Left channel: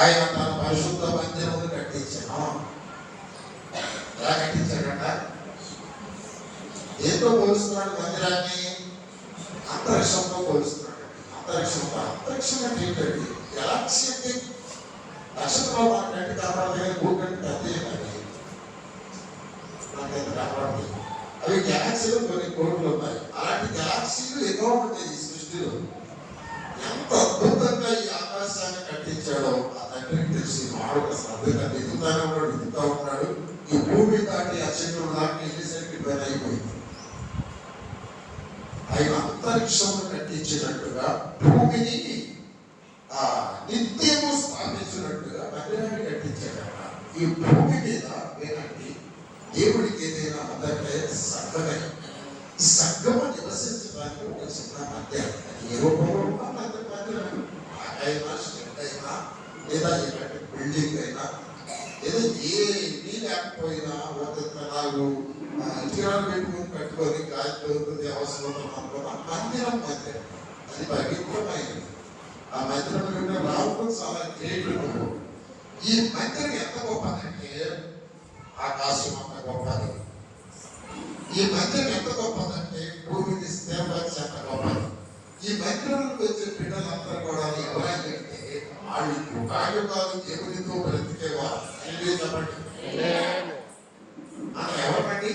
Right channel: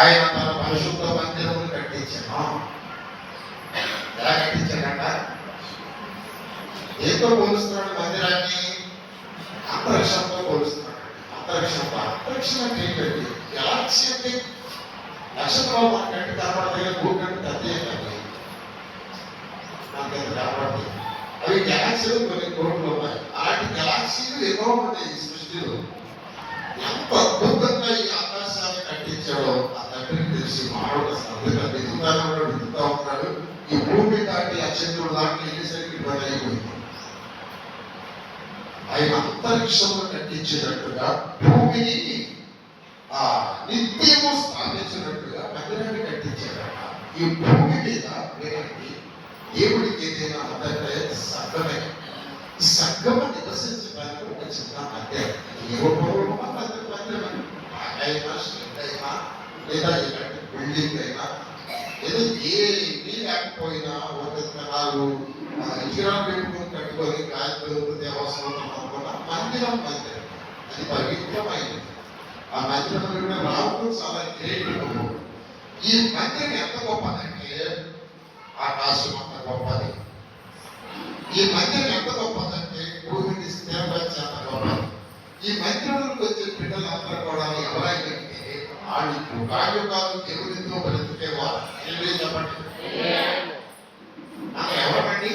ఆయన తన పరిశుద్ధ మందిరమును కట్టించాను. ఎలా కట్టించాడంట? ఏదో పోలుస్తున్నాడు మందిరాన్ని? అంతరిక్షంతో పోలుస్తున్నాడు. అంతరిక్షం అంటే ఏంటండి? గెలాక్సీ అంటే నక్షత్రాలు మనకంటే కనపడలేదు, భూమి కంటే పెద్ద మనకైతే కనపడలేదు. అవి గెలాక్సీలు కొన్ని కోట్లు ఉన్నాయి. అలాంటి గెలాక్సీలు ఎన్నో ఉన్నాయి ఈ సృష్టిలో. ఎంత అద్భుతంగా ఈ ఆకాశాన్ని కట్టించాడో ఆ తండ్రికి తెలిసి మానవుడు శ్రద్ధగా వెతుకుతా ఉన్నాడు. ఈ భూమి దాటి అక్షంతులు దాటి వెళ్ళేసరికి పని అయిపోయింది. ఆయన అంతరిక్షంలో కట్టించినట్టుగా భూమిని నిత్యము స్థాపించినట్టుగా మందిరాన్ని కట్టించాడట. ఈ భూమి మీద వినండి, దేవుడికి ఏదైనా మొదటే సంఘమే. ఈ సంఘము నివసించడానికి ఒక చిన్న మందిరం. ఏ రూపంలో మందిరం అయినా స్టెంట్ అయినా లేదా ఇలాంటి బిల్డింగ్ అయినా ఏదో ఏమీ లేకపోయినా ఒక నాలుగు ఇటుకరాలు పెట్టుకుని కట్టుకొని గాయత్రి అవసరం అనుకున్న మందిరం అది పవిత్రమైనది. ఆ మందిరంలో రావడం చాలా గ్రేట్. ఈ మందిరం ఎంత గొప్పదంటే ఆకాశం అంత గొప్పది. ఈ మందిరం ఎంత గొప్పదంటే భూమిని స్థిరపరిచి అంత గొప్పది. ఈ మందిరంలోకి వచ్చే బిడ్డలందరూ కూడా ఎవరైతే వాళ్ళు కాదు దేవునితో బ్రతికేవారు. చెప్పండి, ఎవరండి?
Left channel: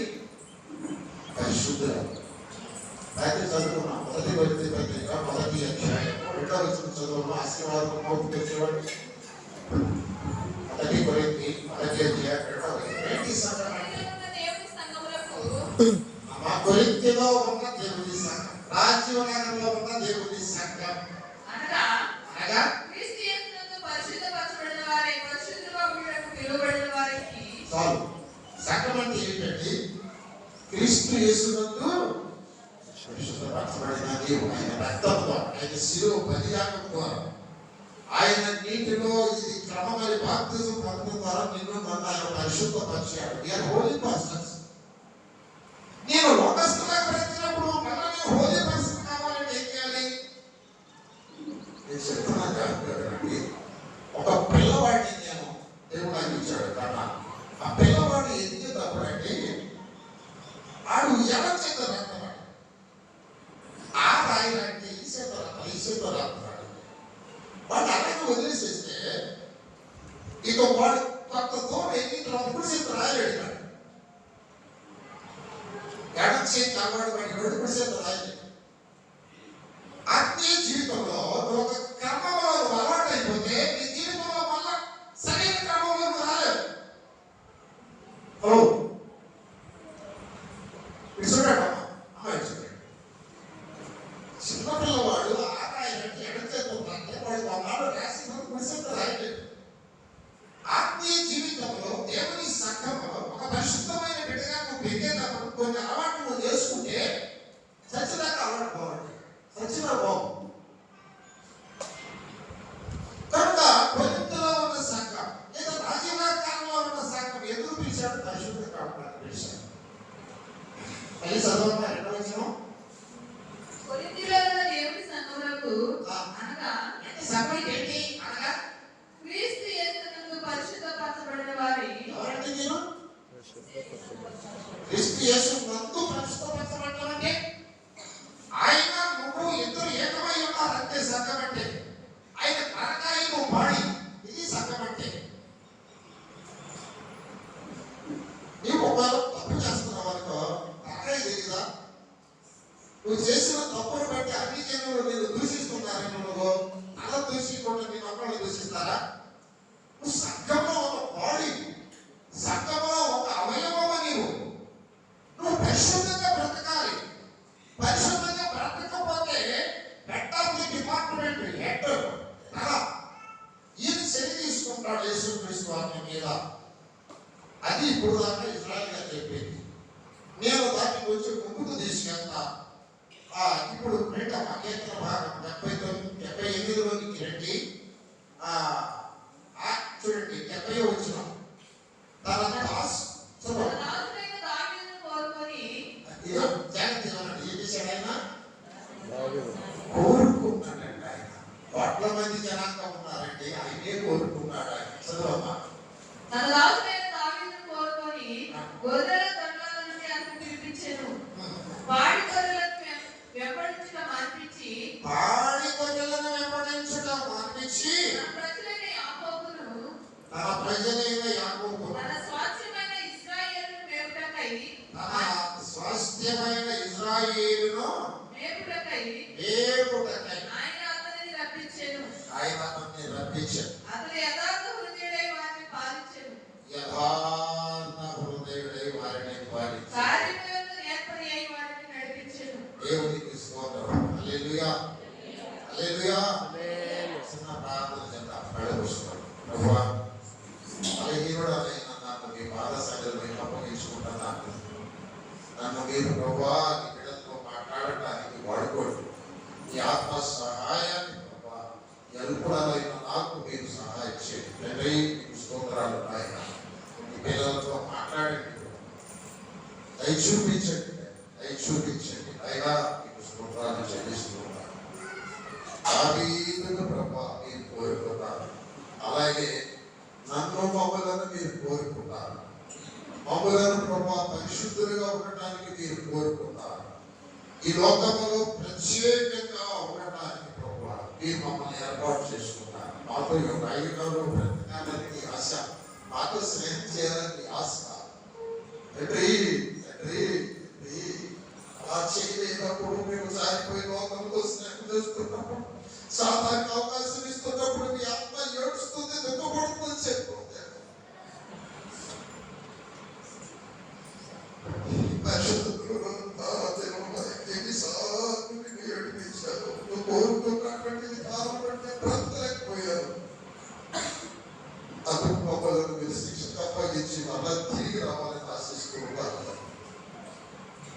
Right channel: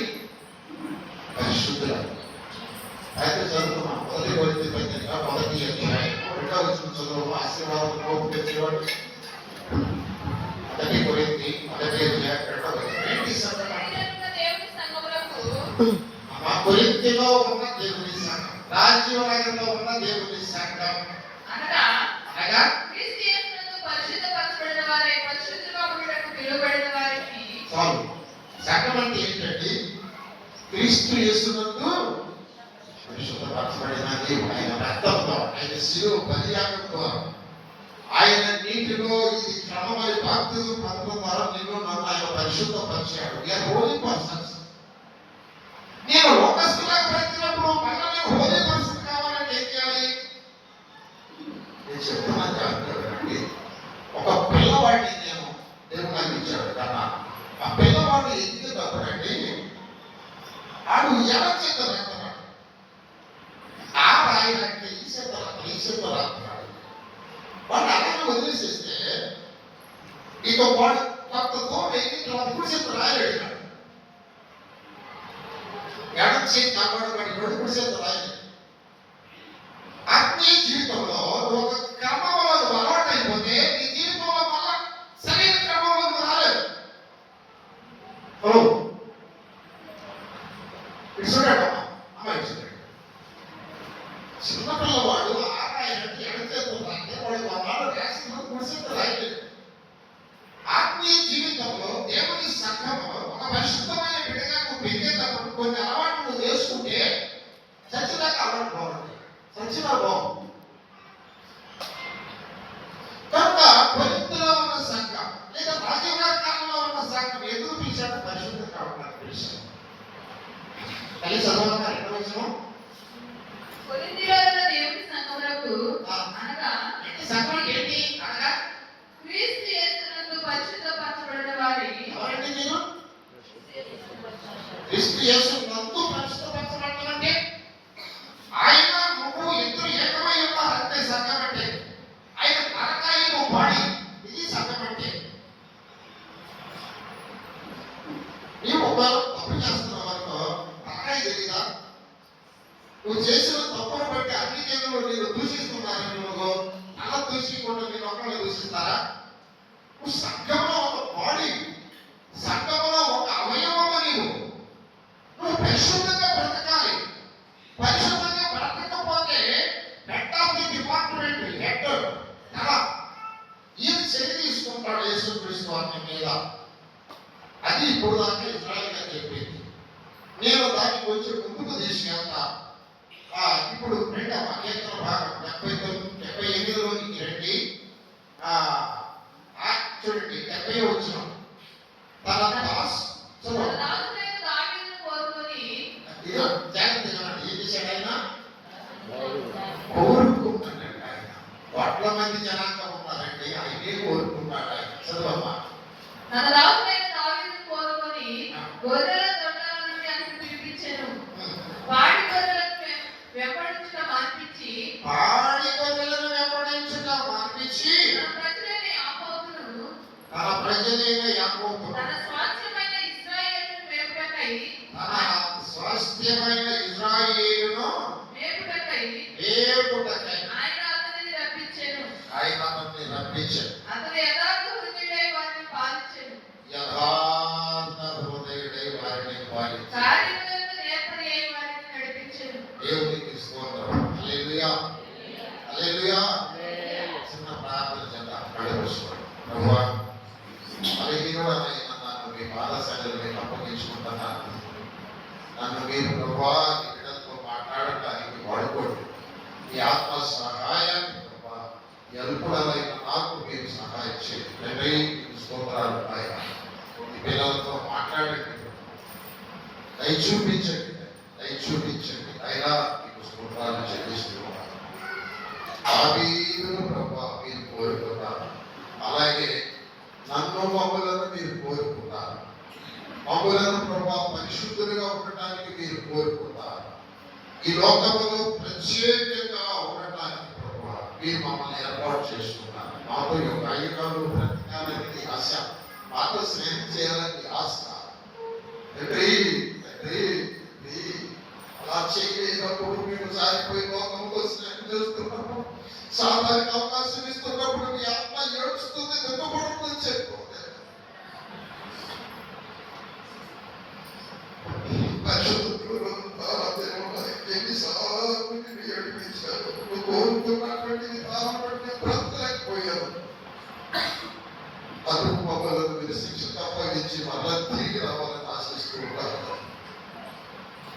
పరిశుద్ధులు. అయితే చదువుకున్నాం మొదటి కొరింథీ పత్రిక 1వ అధ్యాయం 2వ వచనం చదువు. ఆశీర్వాదం కోపు తెచ్చేవాడు. 1 కొరింథీ 1వ అధ్యాయం 2వ వచనం. ఏంటి సంఘం? మా కొరింథీలో ఉన్న దేవుని సంఘం, రాజ్యనగరంలో ఉన్న దేవుని సంఘం అనగా సంఘం అంటే ఏంటంటే క్రీస్తు యేసునందు పరిశుద్ధపరచబడిన దేవుడు. ఆయన రక్తంతో, ఆయన శిలువ బలియాగం ద్వారా, ఆయన నీటిలో ఇది క్రమమైన బాప్తిజం పొందడం ద్వారా నిన్ను నన్ను ఆయన పరిశుద్ధపరిచాడు. నేను హోలీ పర్సన్స్. నేను లోకస్తులకు బ్రతికినప్పుడు మళ్ళీ నేను హోలీ పర్సన్ కావాలంటే ఏం చేయాలి? నేను చెప్తున్నాను జాగ్రత్తగా. ఒక పిల్లవాడిని నేను దేవుడు నాకు ఇచ్చాడు కన్నా. ఆ పిల్లవాడు ఎదిగేటప్పుడండి ఆడు ఎలా చేద్దాం ఆ రాయాలంటే ఈ చేత రాస్తున్నాడు. వాడు అలాగే వదిలేసేస్తే ఇక వాడు కొత్త తోటి ఇప్పుడు చేత రాయలేడు. ఎడం చేతి కావాడు వాడి ఇప్పుడు చేత రాయలేడు. ఆత్మీయ జీవితంలో ఒక క్రమంలో అలవాటు అయిపోతే నీ జీవితంలో మళ్ళా సరైన క్రమంలో రాలేదు. చిన్నపిల్లవాడు ఆరాయంటే ఎడచేస్తుంటే వాడు వాళ్ళ రాసిన గుడిసెత్త రాయలేదు. ఆత్మీయ జీవితంలో దేవుని సంఘము ఒక పరిశుద్ధమైన బిడ్డగా నువ్వు పెరిగేటప్పుడు కొన్ని అలవాట్లు నువ్వు చేసుకుంటే చచ్చినాక అలవాటు బాగుంటుంది. చచ్చినా బాగుంది. కనుక కొరింథీలో ఉన్న సంఘం లేదా రాజీవకాలంలో ఉన్న సంఘం ఎందుకు పిలిచాడు? పరిశుద్ధం కావడానికి పిలిచాడు. కలిసి చదవగా 2వ వచనం. కొరింథీలో ఉన్న దేవుని సంఘములకు అనగా సంఘం ఏంటి? అనగా క్రీస్తు యేసునందు పరిశుద్ధపరచబడిన వారి. ఎవరండి నేను? క్రీస్తు యేసునందు పరిశుద్ధపరచబడటం అంటే ఆయన నువ్వు ఇద్దరు ఏకమై ఉన్నారంటే సంఘం అంటే. ఆయన తలకాయ నువ్వు బాడీ, ఇది సంఘం అంటే. నీవు ఒకవేళ తప్పు చేస్తున్నావు అనుకో, తలకాయ తెలీదా? నువ్వు చేసిన తప్పును బట్టి అన్ని జనులు నేను దూషిస్తున్నారని నువ్వు అలా దూషించకుండా నేను ఒకళ్ళు దూషిస్తారా? నువ్వు సంఘంలో ఒక బాడీ, సంఘంలో ఒక అవయవము. నువ్వు పరిశుద్ధంగా బ్రతకాలి. పరిశుద్ధంగా బ్రతకపోతే head of the department head అలా ఈయన చర్య తీసుకుంటాడు యేసుక్రీస్తు వారి మీద. అది ఇప్పుడు దాకా ఇజ్రాయెల్ గా చెప్పింది. నేను దాన్ని కొంచెం ముందుకు తీసుకెళ్తా. ఇప్పుడు రెండవ కీర్తన భాగం 78లోనికి రండి. చూడండి 70వ వచనం. తన దాసు కోరుకున్నాడంట. ఆయన కోట్ల మంది జనాంగం ఉన్నారండి, ఆయనే కోరుకున్నాడు. చదువమ్మా. తన దాసుడైన దావీదును కోరుకొని గొర్రెల దొడ్డాల నుండి అతను పిలిపించెను. పాడి గొర్రెలను వెంబడించుట మాన్పించి పాడి గొర్రెలను వెంబడించుట మాన్పించి తన ప్రజలైన యాకోబును తన తన స్వాస్థ్యమైన ఇశ్రాయేలును మేపుటకై మేపుటకై ఆయన అతనిని రప్పించెను. అతడు యథార్థ హృదయుడై వారిని పాలించెను. యథార్థ హృదయుడై వారిని పాలించెను. కార్యములందు నేర్పరి అయి వారిని నడిపించెను. దేవునికి స్తోత్రం. హల్లెలూయా, హల్లెలూయా. చిన్న ప్రార్థన చేద్దాం. కళ్ళు మూసుకోండి. ప్రభువా, బలహీనుడనైన నన్ను మీ పాదశాలలో మీకు అప్పగించుకుంటున్నాను. నన్ను మీరు ప్రభువా ఈ బిడ్డలతో మాట్లాడటానికి వాడుకోండి. ఈ ఆత్మ సహాయాన్ని ప్రభువా ఎరుపులైన నాకు మీరు సహాయం చేయండి. తండ్రి, మీకు స్తోత్రాలు ఉన్నాయి. ఈ పిల్లలతో మాట్లాడండి, దయ చూపించండి, దయ చూపించండి. అయినా మీకు స్తోత్రాలు చెల్లిస్తూ ఉన్నాను. దావీదును ప్రభువా మీరు కోరుకున్నారు, అలాగే నన్ను మమ్మలను మీరు కోరుకున్నారు. మమ్మలను ప్రభువా పరిశుద్ధులుగా ఉండటానికి మీరు కోరుకున్నారు. ఈ లోకంలో ప్రత్యేకంగా ఉండటానికి ప్రభువా మీరు మమ్మల్ని ఏర్పాటు చేసుకున్నారు. మాతో యోగాయుగాలు బ్రతకాలని ఆశ, మాతో స్నేహం చేయాలని ఆశ. తండ్రి, తండ్రి, అలా చేయలేనప్పుడు మేము సారిపోయి లోకంలో స్నేహం చేస్తున్నప్పుడు, సాధారణ అవకాశం ఇస్తున్నప్పుడు మీ ఆత్మ ఏడుస్తుంది, దుఃఖపడుతుందని చెప్పుకోలేదు. కోరుకున్నటువంటి విధానం బట్టి బ్రతకలేకపోయారు. అందుకు మమ్మల్ని మీరు శిక్ష తప్పగించి మళ్ళా తిరిగి రావాలని ఆశిస్తూ ఉంటారు.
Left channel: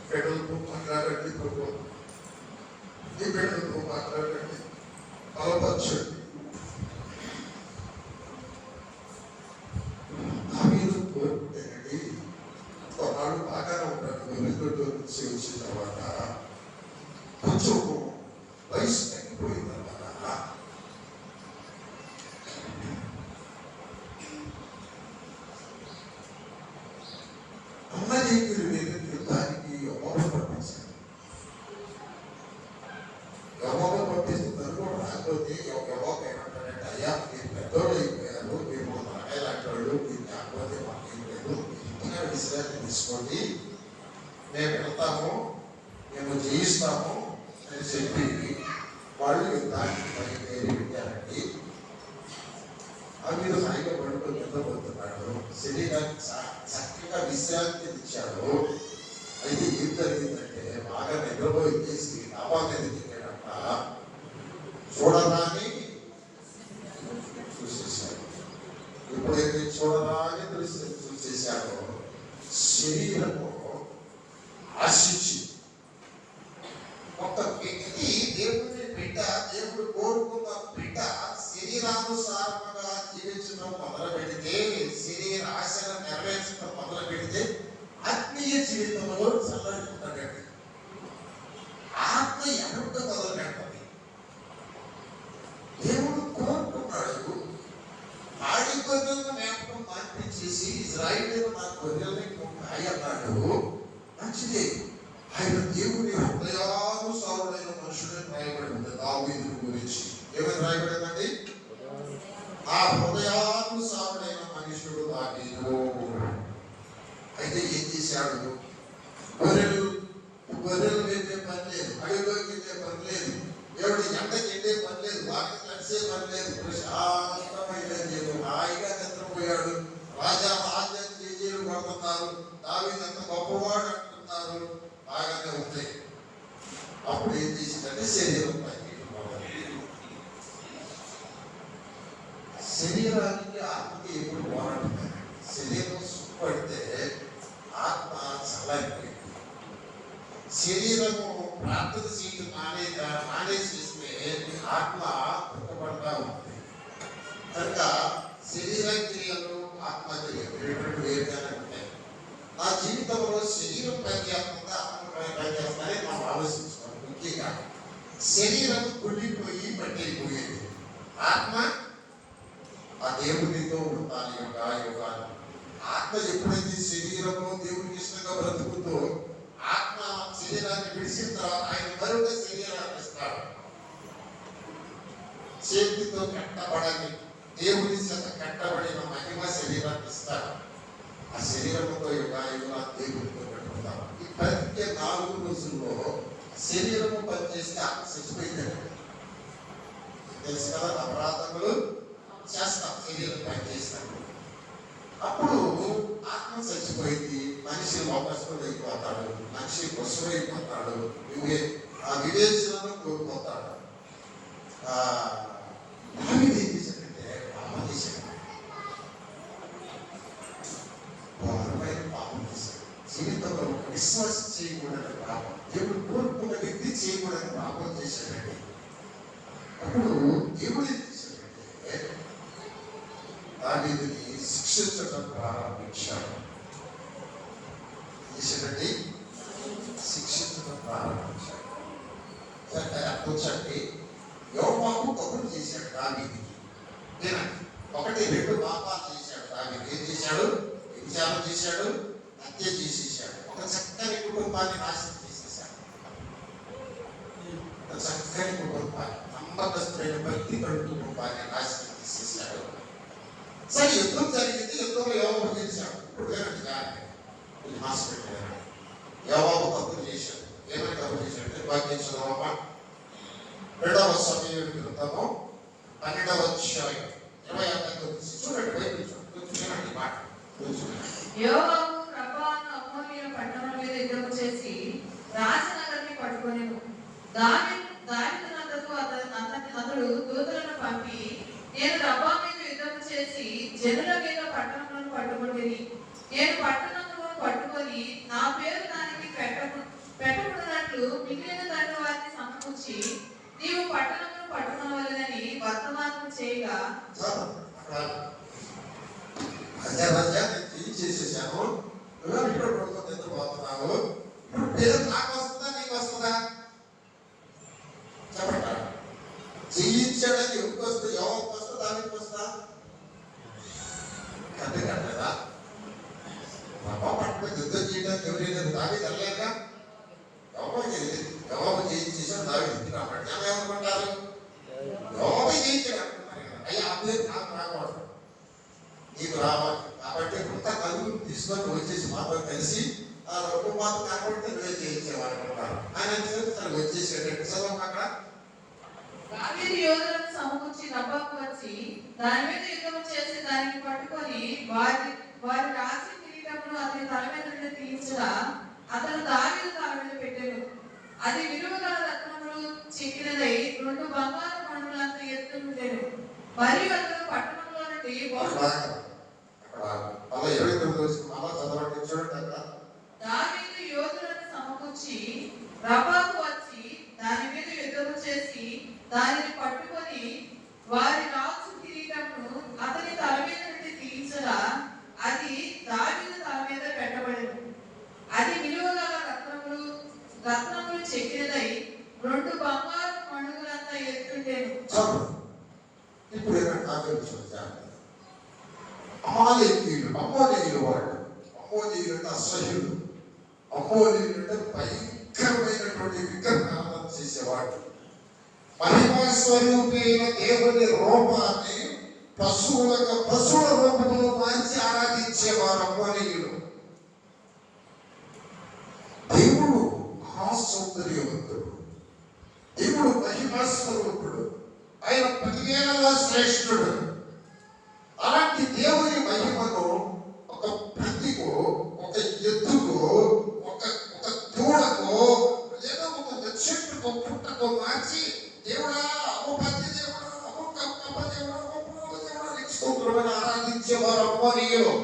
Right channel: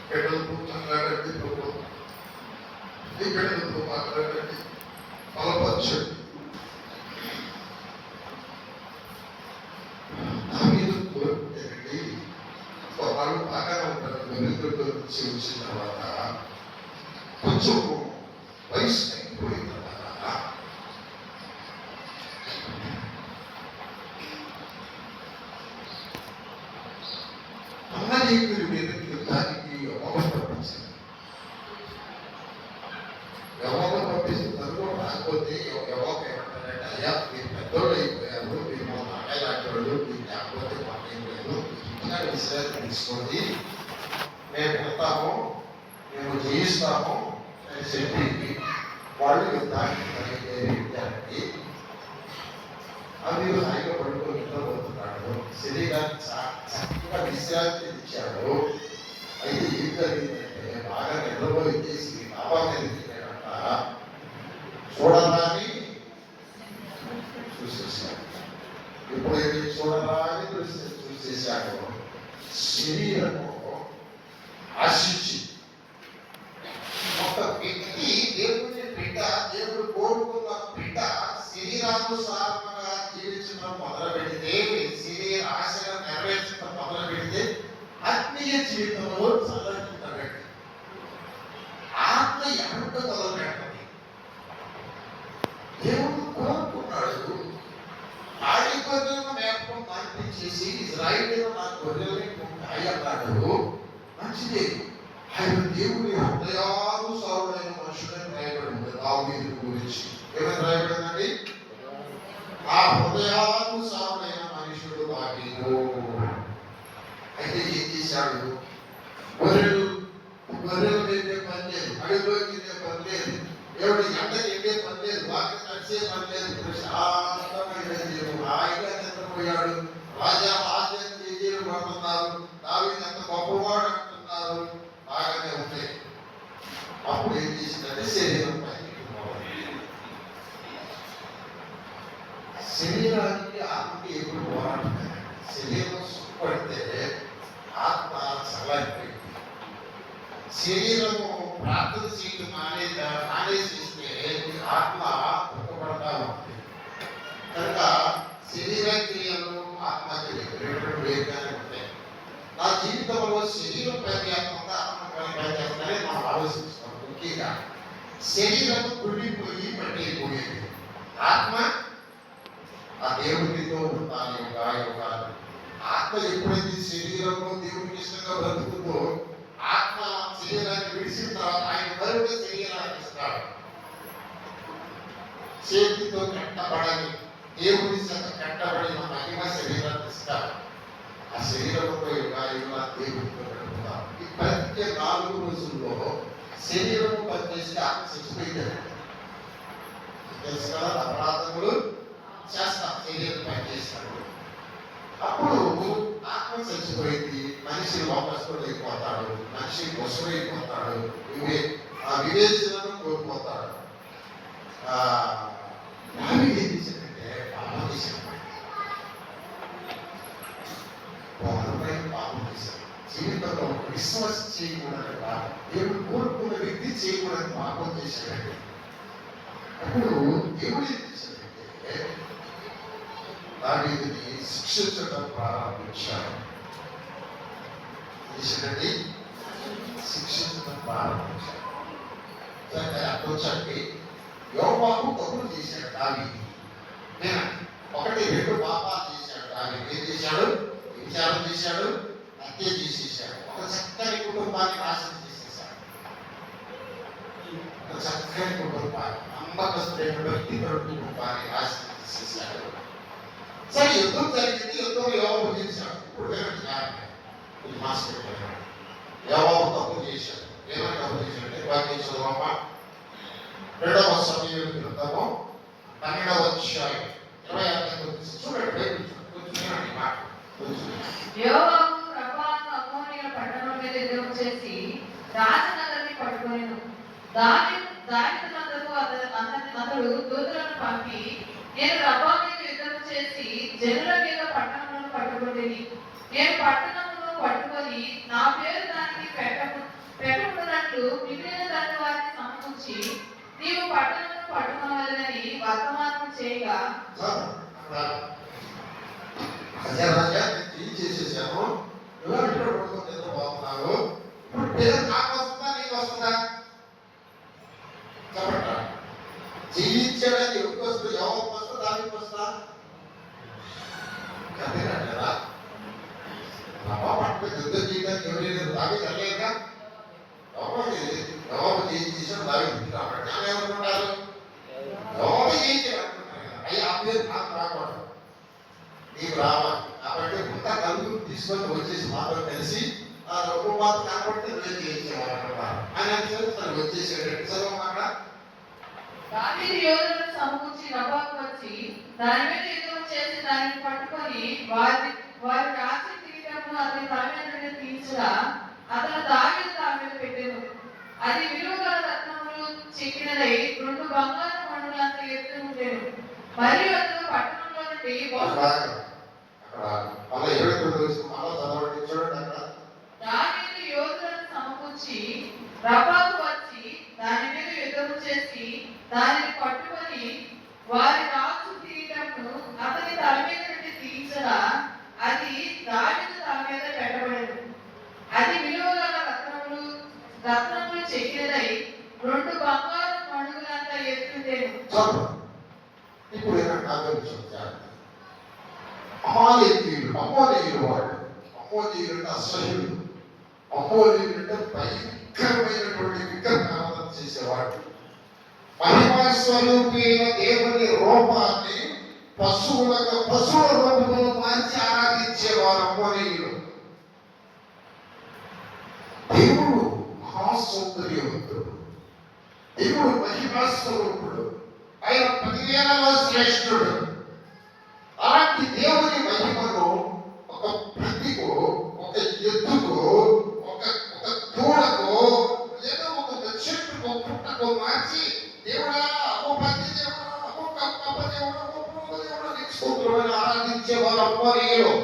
బిడ్డలతో మాట్లాడండి ప్రభు, ఈ బిడ్డలతో మాట్లాడండి, బలపరచండి. దావీదు కోరుకుంటేనండి వాళ్ళు బాగానే ఉంటారు. వెలుగులో నుంచి వచ్చిన తర్వాత కొంచెం వయసు తగ్గిపోయిన తర్వాత అన్నదేవుడి మీద యుద్ధానికి యెహోవా పంపించారు. యెహోవా పంపిస్తున్నారు. రాకపోతే యెహోవా ఏమంటారంటే, అయ్యా మీరు పెద్దోళ్ళు అయిపోయారు, మీరు మా నాన్నయ్య లాంటి వాళ్ళు, మీరు లేకపోతే మాకేం లేదు, ఇక్కడ విశ్రాంతి తీసుకోండి, మేము వెళ్తాము, మేము జయిస్తాము అని చెప్పి వాళ్ళు యుద్ధానికి బయలుదేరి అవి హాయిగా పడుకొని నిద్రపోతున్నాడు. శరీరానికి చక్కగా విశ్రాంతి ఇచ్చాడు. అయితే ఏం జరిగిందంటే బాగా నిద్రపోయేసి డాబా మీద తిరిగాడంట. చూడరాని చూసేసాడు. ఎప్పుడైతే చూడరాని చూసేసాడో శరీరము ఆశించి ఒక వ్యక్తి దేవుని బిడ్డ, దేవుడు కోరుకున్న బిడ్డ శరీరానుసారంగా జీవించడం మొదలు పెడితే, శరీర ఆశలను నెరవేర్చడం మొదలు పెడితే ఆత్మీయ జీవితంలో చల్లబెట్టండి. ఆత్మ ఎక్కడ మొదలు పెట్టండి. దేవుడు కోరుకున్నాడు. ఆడి గొర్రెలను నేపథ్యం మార్పించేసి ఇజ్రాయిలు నా గొర్రెల్ని ఉంటాయి అన్నాడు. మంచిదే. ఆయన దేవుని హృదయానుసారుడైన మనుషులని రాయబడి ఉంది. దావీదు గురించి ఏమైనా రాయబడిందండి? ఆ హృదయానుసారుడైన మనుషుడు దావీదు. అయితే ఏం చేశాడు? గొర్రెలు వెళ్ళే పని లేదు, అడవిలోకి వెళ్ళే పని లేదు, ఎవరి గంటకి వెళ్ళే పని లేదు, వాకి నడిచే పని లేదు, ప్రశాంతమైన జీవితం, హాయిగా నిద్రపోయాడు. రాజా రాజ్యం చేజీలు పడుతున్నారు, దావీదు ఎంత గొప్పవాడు అంటున్నారు, బాగానే ఉంటాయి. అప్పుడు ఏం చేసిందంటే శరీరం పైకి శరీరానికి ఆత్మకి ఎప్పుడు పోరాడుతుంది. శరీరం సుఖపడితే ఆత్మ చల్లారిపోయింది. శరీరము ప్రార్థన చేయడం మానేసిస్తే ఆత్మ దుఃఖపడతా ఉంటుంది. కనుక శరీర క్రియలు ఆత్మ క్రియలు వేరుగానే ఉంటాయి. నా జీవితంలో శరీరం పనిచేస్తుందా, ఆత్మ పనిచేస్తుందని మనం ఆలోచిస్తాం. ముఖ్యంగా శరీరం కుళ్ళిపోయి పట్టయిపోయేది, ఆత్మ ఆ దేవుడితో ఉంటాను యుగాలు. ఆత్మ ఎప్పుడైతే శరీరంలో దేవుడికి ఇష్టంగా బ్రతుకుతో ఆత్మ శరీరాన్ని విడిచిన తర్వాత ఆయన మరొక శరీరాన్ని ఇస్తాడు. చేతితో కట్టబడని దేవుడి కట్టబడిన మహిమ శరీరాన్ని ఇస్తాడు. ఆ శరీరంతో యుగాయుగా దేవుడితో కట్టుకుంటాం. ఈ ప్రతి 4 రోజుల్లో శరీరము పనిచేస్తే ఆత్మ చచ్చిపోయిందండి. తెలుసు కదా, అపరాధములు చేస్తాం, శరీరం పనిచేస్తాడు. అప్పుడు ఆత్మ చచ్చిపోయింది, మనిషి వాపసుడు అయిపోతాడు, మనిషి పశువు అయిపోతాడు, వివేచనను కోల్పోతాడు. దావీదు ఏం చేశాడంటే పాపం చేశాడు. పాపం చేశాడు. జీవితంలో ఒక విశ్వాసం చేయకూడదు పాపం, దేవుడు కోరుకున్న వ్యక్తి చేయకూడదు పాపం చేశాడంటే. అప్పుడు దేవుడు ఏం చేశాడంటే దావీదుని శిక్షించడం ప్రారంభించాడు. చేశాడండి, శిక్షించడం ప్రారంభించాడు. కూర్చోండి. యోవాబు కబురు చేశాడు దావీదుకి. వినండి, 1, 2 పాపాలు చేశాడు దావీదు. ఏం చేశాడు? విచారం చేశాడు, హత్య చేసేసాడు, ఒక చక్కని కుటుంబాన్ని నాశనం చేసేసాడు. ఒక చక్కని కుటుంబాన్ని, నమ్మకస్తులైన వ్యక్తిగత కుటుంబాన్ని నాశనం చేసేసాడు. సరే, యుద్ధం జరిగింది, యుద్ధంలో యోవాబు గెలిచాడు. ఇప్పుడు వినండి, మాస్టర్ యోవాబు తప్పు చేశాడు. ఏమైనా తప్పు చేశాడంటే వాక్యం చదవమా, 2వ సమూయేలు గ్రంథము 12వ అధ్యాయం 26 చూడండి. చూడండి మాట. యోవాబు రబ్బాను అమ్మోనీయుల పట్టణం మీద యుద్ధం చేసి రాజనగరాన్ని పట్టుకొనెను. దావీదునందుకు అతడు దూతలను పంపి, నేను రబ్బా మీద యుద్ధం చేసి జనుల మీద పట్టణములను పట్టుకొంటిని. నేను పట్టణములను పట్టుకొని నా పేరు దానికి పెట్టకున్నట్లు మిగిలిన దాని వారిని సమకూర్చి నీవు పట్టణమును పట్టుకోవాలని వర్తమానం చేయగా, రాజా ఏం చేసేసాను, ఇలా ఇక్కడ పడుకొని నిద్రపోతున్నాను, ఇప్పుడు పేరు నాకు వస్తుందా నీకు వస్తుందా చెప్పట. జీవించడానికి ఎవరికి వస్తుంది? ఎవరికి వస్తుందా? దానికి వస్తుందా? కదా రబ్బా పట్టుకొని యుద్ధం చేయడానికి ఎవరైనా దావి వెళ్ళలేదుగా. యోవాబు చేయించేసాడు, దావి తింటున్నాడు. ఏమనుకుంటారు? యోవాబు చేయించాడు అనుకుంటారు. అయ్యా ఆ పేరు నాకు రాకూడదు, నీకు రావాలి కాబట్టి ఇంకా నలుగురు తీసుకొని వచ్చేసి మాతో కలిసి ఆ రొమ్ము మాతో కాకపోతే నువ్వే చేయించేవాడు అనుకుంటారు. ఆయన తనకు వచ్చేసాడు. చదవం అక్కడ. దావీదు యోధులను సమకూర్చి రబ్బాకు వచ్చి దాని మీద యుద్ధం చేసి దానిని పట్టుకొని వారి రాజు కిరీటమును అతని తల మీద తీయించగా అతను దావీదు తల మీద పెట్టెను. అది విలువగల రత్నములు చెక్కినదై 2 బంగారు మణులంత ఎత్తు ఉండెను. మరియు అతను పట్టణంలో నుండి దావీదు యోధులను సమకూర్చి రబ్బాకు వచ్చి దాని మీద యుద్ధం చేసి దానిని పట్టుకొని వారి రాజు కిరీటమును అతని తల మీద నుండి తీయించగా అది దావీదు తల మీద పెట్టబడెను. అది విలువగల రత్నములు చెక్కినదై 2 బంగారు మణుగులంత ఎత్తుండెను. ఇప్పుడు అమ్మోనీయులు వాడు. అమ్మోనీయులు అంటే అసహ్యులు. అమ్మోనీయులు అంటే భయంకరమైనటువంటి విగ్రహాలను చేసేవాడు. మహిమా స్వరూపైన దేవుని రూపాన్ని పశువుల రూపంలో మార్చి ఆరాధించేవారు అమ్మోనీయులు. దేవుడు మహాసౌందర్యవంతుడు, దేవుడు మహిమా స్వరూపుడు, ఆయన 10,000ల శ్రేష్ఠుడు. అలాంటి దేవుని మహిమను ఒక ప్రతికో, ఒక ఎద్దుకో, ఒక దూడకో, లేదా ఒక చెట్టుకో, పుట్టకో మార్చి దేవుడా ఓ పది దేవుడా, ఓ కప్ప దేవుడా, ఓ పురుగు దేవుడా నీకు స్తోత్రమని ఆరాధించేవారు అమ్మోనీయులు.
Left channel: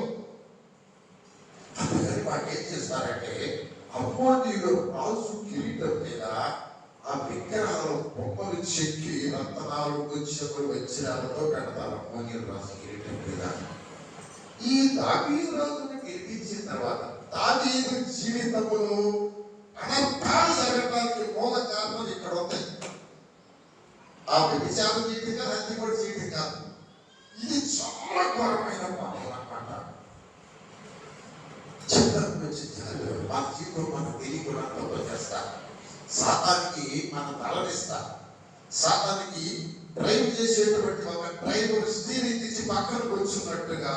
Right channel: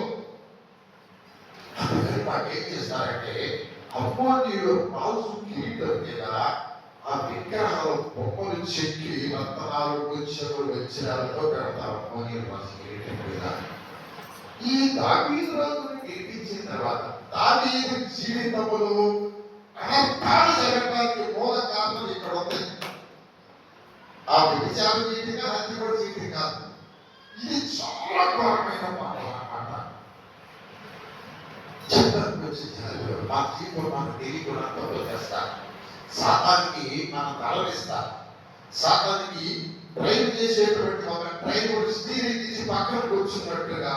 ఏం చేస్తారంటే అమ్మోనీయులు రాజు కిరీటం మీద ఆ విగ్రహాలు బొమ్మలు చెక్కి రత్నాలు వజ్రాలతో పెడతారు అమ్మోనీయులు రాజు కిరీటం మీద. ఈ దావీదు రాజును గెలిపించిన తర్వాత దావీదు జీవితంలో అనర్థాలు జరగడానికి మూల కారణం ఇక్కడ ఉంది. ఆ వ్యభిచారం చేయటం కాదు, హత్య కూడా చేయటం కాదు. ఇది చాలా ఘోరమైన పాపం అన్నమాట. చివరికి వచ్చి జనాలు మా జీవితం మన తెలియకుండా తప్పు చేస్తారు. సాతానికి మనం తలనిస్తాం. సాతానికి డ్రైవ్ చేసేటువంటి ఒక డ్రైవర్ స్టీరింగ్ తీసి పక్కన కూర్చున్నట్టుగా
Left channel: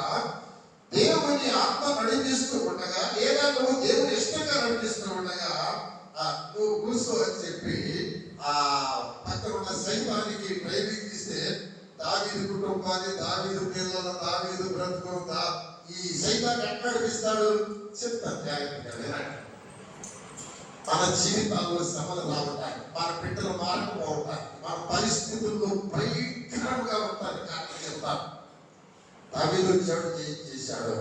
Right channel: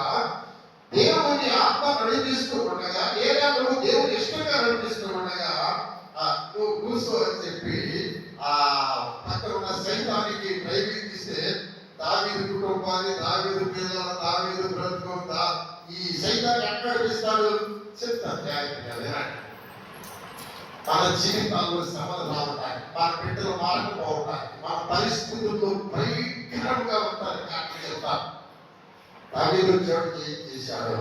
దేవుని ఆత్మ నడిపిస్తూ ఉండగా, ఏదో దేవుని ఇష్టంగా నడిపిస్తూ ఉండగా నువ్వు కూర్చో అని చెప్పి ఆ పక్కన ఉన్న సైతానికి డ్రైవింగ్ ఇస్తే దావీదు కుటుంబాన్ని, దావీదు పిల్లల, దావీదు బ్రతుకుందా ఈ సైతాన్ని ఎక్కడ నడిపిస్తాడు చెప్తాను జాగ్రత్తగా వినండి. మన జీవితాల్లో శ్రమలు రావటానికి, మన బిడ్డలు మారిపోవటానికి, మన పరిస్థితుల్లో భయంకరంగా ఉంటానికి కారణం చెప్తాను. దావీదు దేవుడు ఏం చేశాడు?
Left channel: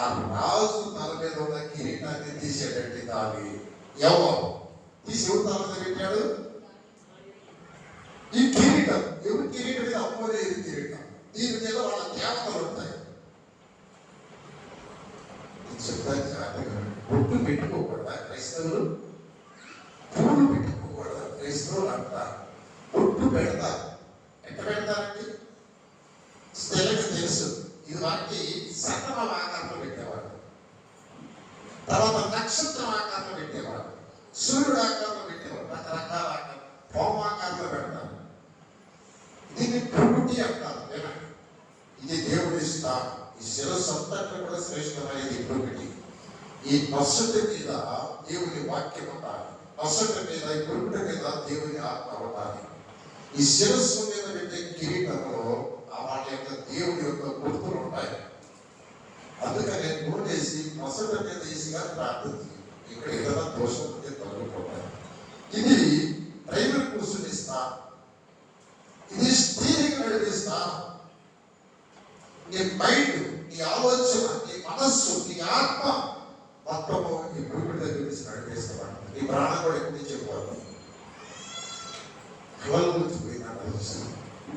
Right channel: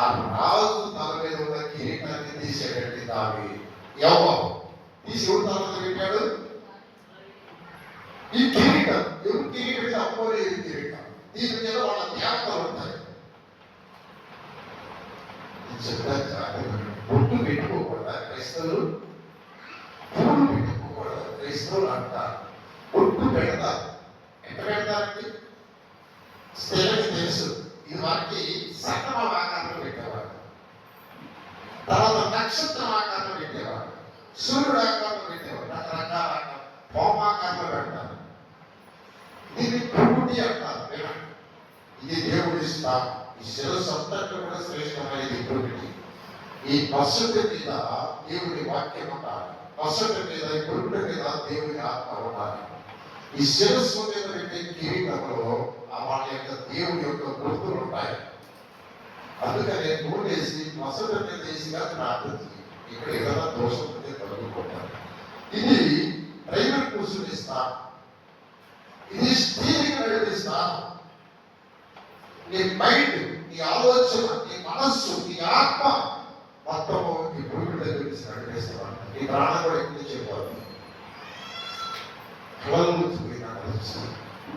ఆ రాజు తల మీద ఉన్న కిరీటాన్ని తీసేటట్టు దావి యెహోవా తీసి ఎవరు తల మీద పెట్టాడు? ఈ కిరీటం ఎవరు కిరీటం? అమ్మోరే కిరీటం. దీని మీద వాళ్ళ దేవతలు ఉంటాయి. బొట్టు పెట్టుకోకూడదా క్రైస్తవులు? పూలు పెట్టుకోకూడదా క్రైస్తవులు అంటారు. బొట్టు పెడతారు. ఎంత పెడతారండి? స్త్రీలకు తెలుసు. ఇది వారికి సకల ఆకారంలో పెట్టేవారు, తర్వాత నక్షత్రం ఆకారంలో పెట్టేవారు, సూర్యుడు ఆకారంలో పెట్టేవారు, రకరకాల ఆకారం, హోమాకారంలో పెడతారు. దీన్ని పురుటి అంటారు. ఇది దేవుడి స్థానం. ఈ శిరస్సు అంతట్లో కూడా శ్రేష్టమైనది పురుటి. ఈ నొసటి మీద దేవుని వాక్యం ఉండాలి. నొసటి మీద, ఈ పురుటి మీద దేవుని ఆత్మ ఉండాలి. ఈ శిరస్సు మీద పెట్టే కిరీటంలో వాళ్ళ యొక్క దేవుడి యొక్క గుర్తులు ఉంటాయి. అందుకని నూనెసి నొసటి మీద వేసిగా ప్రార్థించి ఇక్కడ ఏదైనా దోషం ఉంటే కలుగుకుంటారు. ఇది డ్రైవర్ కూర్చుని స్థానం. ఇది స్టీరింగ్ నడిపే స్థానం. నీ మైండ్, నీ ఆలోచన, నీ మనస్సు, నీ ఆత్మ మొత్తము ఈ భూమి దగ్గర నుంచి నడిపేస్తున్నాను. నీ ప్రాణం కూడా ఎక్కువ చెప్పాలి. పోయినా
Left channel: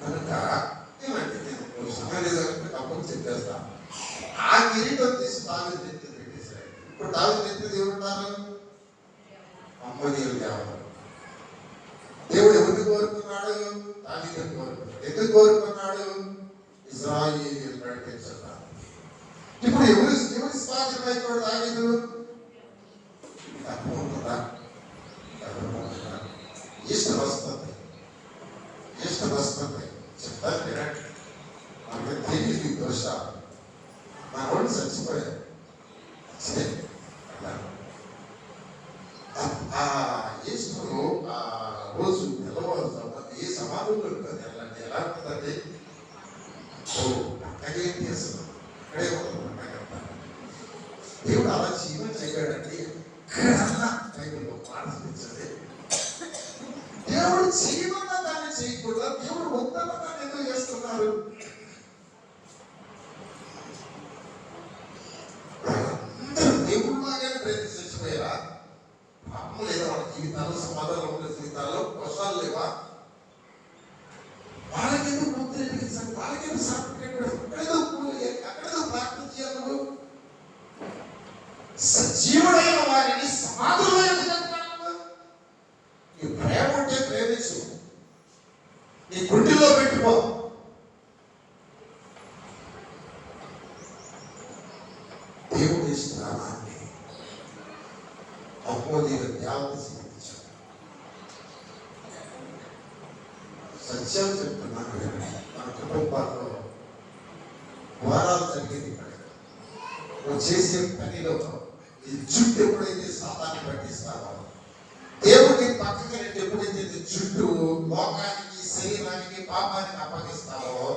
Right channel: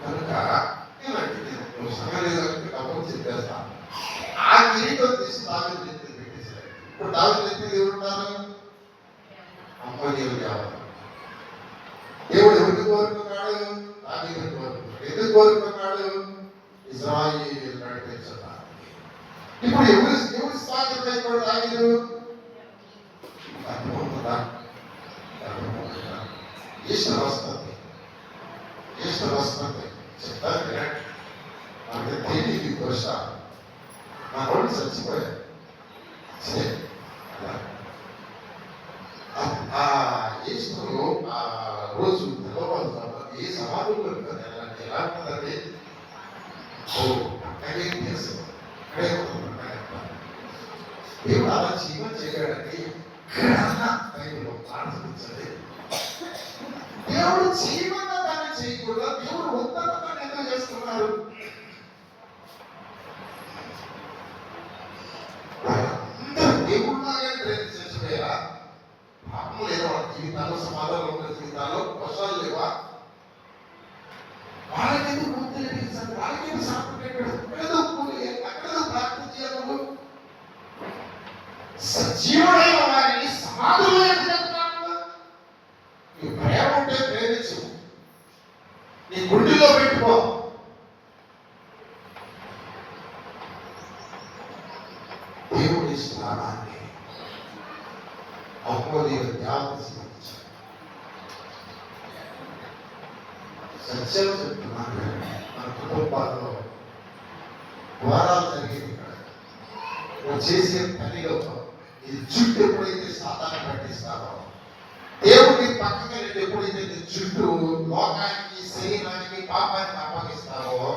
కనుక నేను సంగతి అప్పుడు చెప్పేస్తాను. ఆ కిరీటం తీసి దావీదు నెత్తి పెట్టేశాడు. ఇప్పుడు దావీదు నెత్తి ఎవరున్నారు? అమ్మోనీయులు దేవత. దేవుడు ఎవరిని కోరుకున్నాడు? దావీదుని కోరుకున్నాడు. ఎందుకు కోరుకున్నాడు? ఇశ్రాయేలు నడిపించాడు. ఇప్పుడు ఎవరి స్థానికమైనప్పుడు దావీదు ఈశ్వర వస్తుంది. ఈశ్వర వస్తుంది చెప్తారు వినండి. మనకి తెలియదు దోష. మా రోడ్డు చచ్చిపోయారు. ఆ ఈశ్వరు ఆ రోజు తెల్లవారు ఏ సమాధుల్లో ఎలా ఉంటుందండి? అక్కడేం చేస్తాం? దేవుడు అలా జీవనం చేయడానికి బైబిల్లో ప్రార్థించండి. దేవుడు జీవన దాన్ని చేయకూడదు. దేవుడు ఉత్తమ దాన్ని ఎందుకు చేస్తున్నారు? అందరూ దేవుళ్ళలాగానే ప్రయత్నం చేసిపోయారా? పాపం లేదా వాళ్ళ జీవితాలు, సమాధానం ఉన్న జీవితాల్లో దోషాలు లేవా? వాళ్ళకెందుకు గుర్తించాలి? వాళ్ళకెందుకు సాపడేటప్పుడు అక్కడేదో ప్రార్థన చేయాలి. సజీవుడైన వారిని సమాధులు నీ ప్రేమ ఉంటే ప్రేమించు. నీ గుండెలో పెట్టుకో. దేవుడి స్నానాన్ని అమ్మోనీయులు ధ్యానం సమర్పించారు. సత్యం చెప్తున్నాను. మన కుటుంబాల్లో వారాలు జరిగేది ఇక్కడ. నువ్వు చేసే పనిలో ఈ జుట్టు ఎప్పుడైతే సాతాన్ని పట్టిస్తావో, దేవుడి పక్కకి ఎప్పుడైతే నీ జుట్టు లోకానికి, శరీరానికి, పాపానికి అప్పగిస్తావో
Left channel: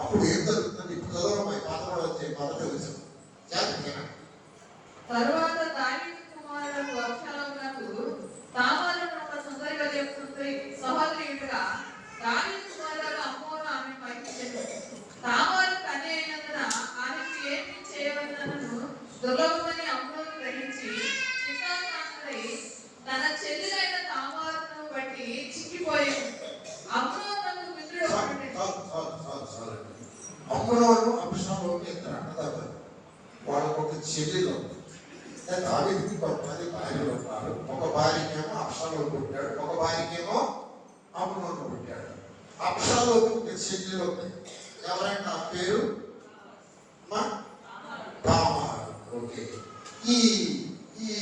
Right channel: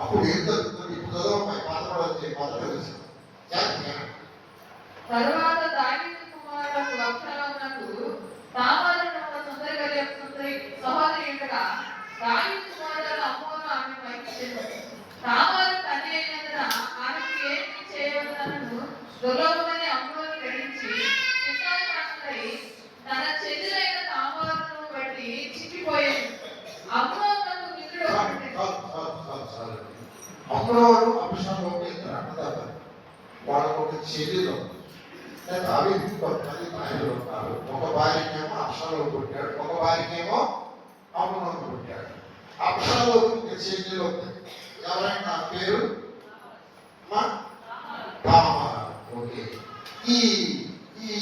అప్పుడు ఏం జరుగుతుంది? ఇప్పుడు పాత్ర వచ్చే మొదటి విషయం. తరువాత దావీదు కుమారుడు అబ్షాలోమునకు తామారు ఒక సుందరిగా చెప్తుంది సహోదరి ఉండగా దావీదు కుమారుడు అమ్మోను ఆమె పైకి చెప్పాడు. తామారు తల్లి అయినందున ఆమెకు ఏమి చేయవలనను దుర్లభమని అమ్మోను గ్రహించి చిత్తాక్రాంతుడై తన చెల్లెలైన తామారును బట్టి చిక్కిపోయాడు. అమ్మోను మిత్రుడు అమ్మోను అబ్షాలోము ఇద్దరు అన్నదమ్ములు. వాళ్ళకు ఒక చెల్లెలు ఉంది. దావీదుకి కొంతమంది భార్యలు ఉన్నారు. ఒక భార్యకేమో అబ్షాలోము పుట్టాడు, ఒక భార్యకేమో అమ్నోను పుట్టాడు. అబ్షాలోము చెల్లెలు ఉంది. ఎవరంటే ఆ పేరు అమ్మా తామారు. ఓకే. ఈ ఈ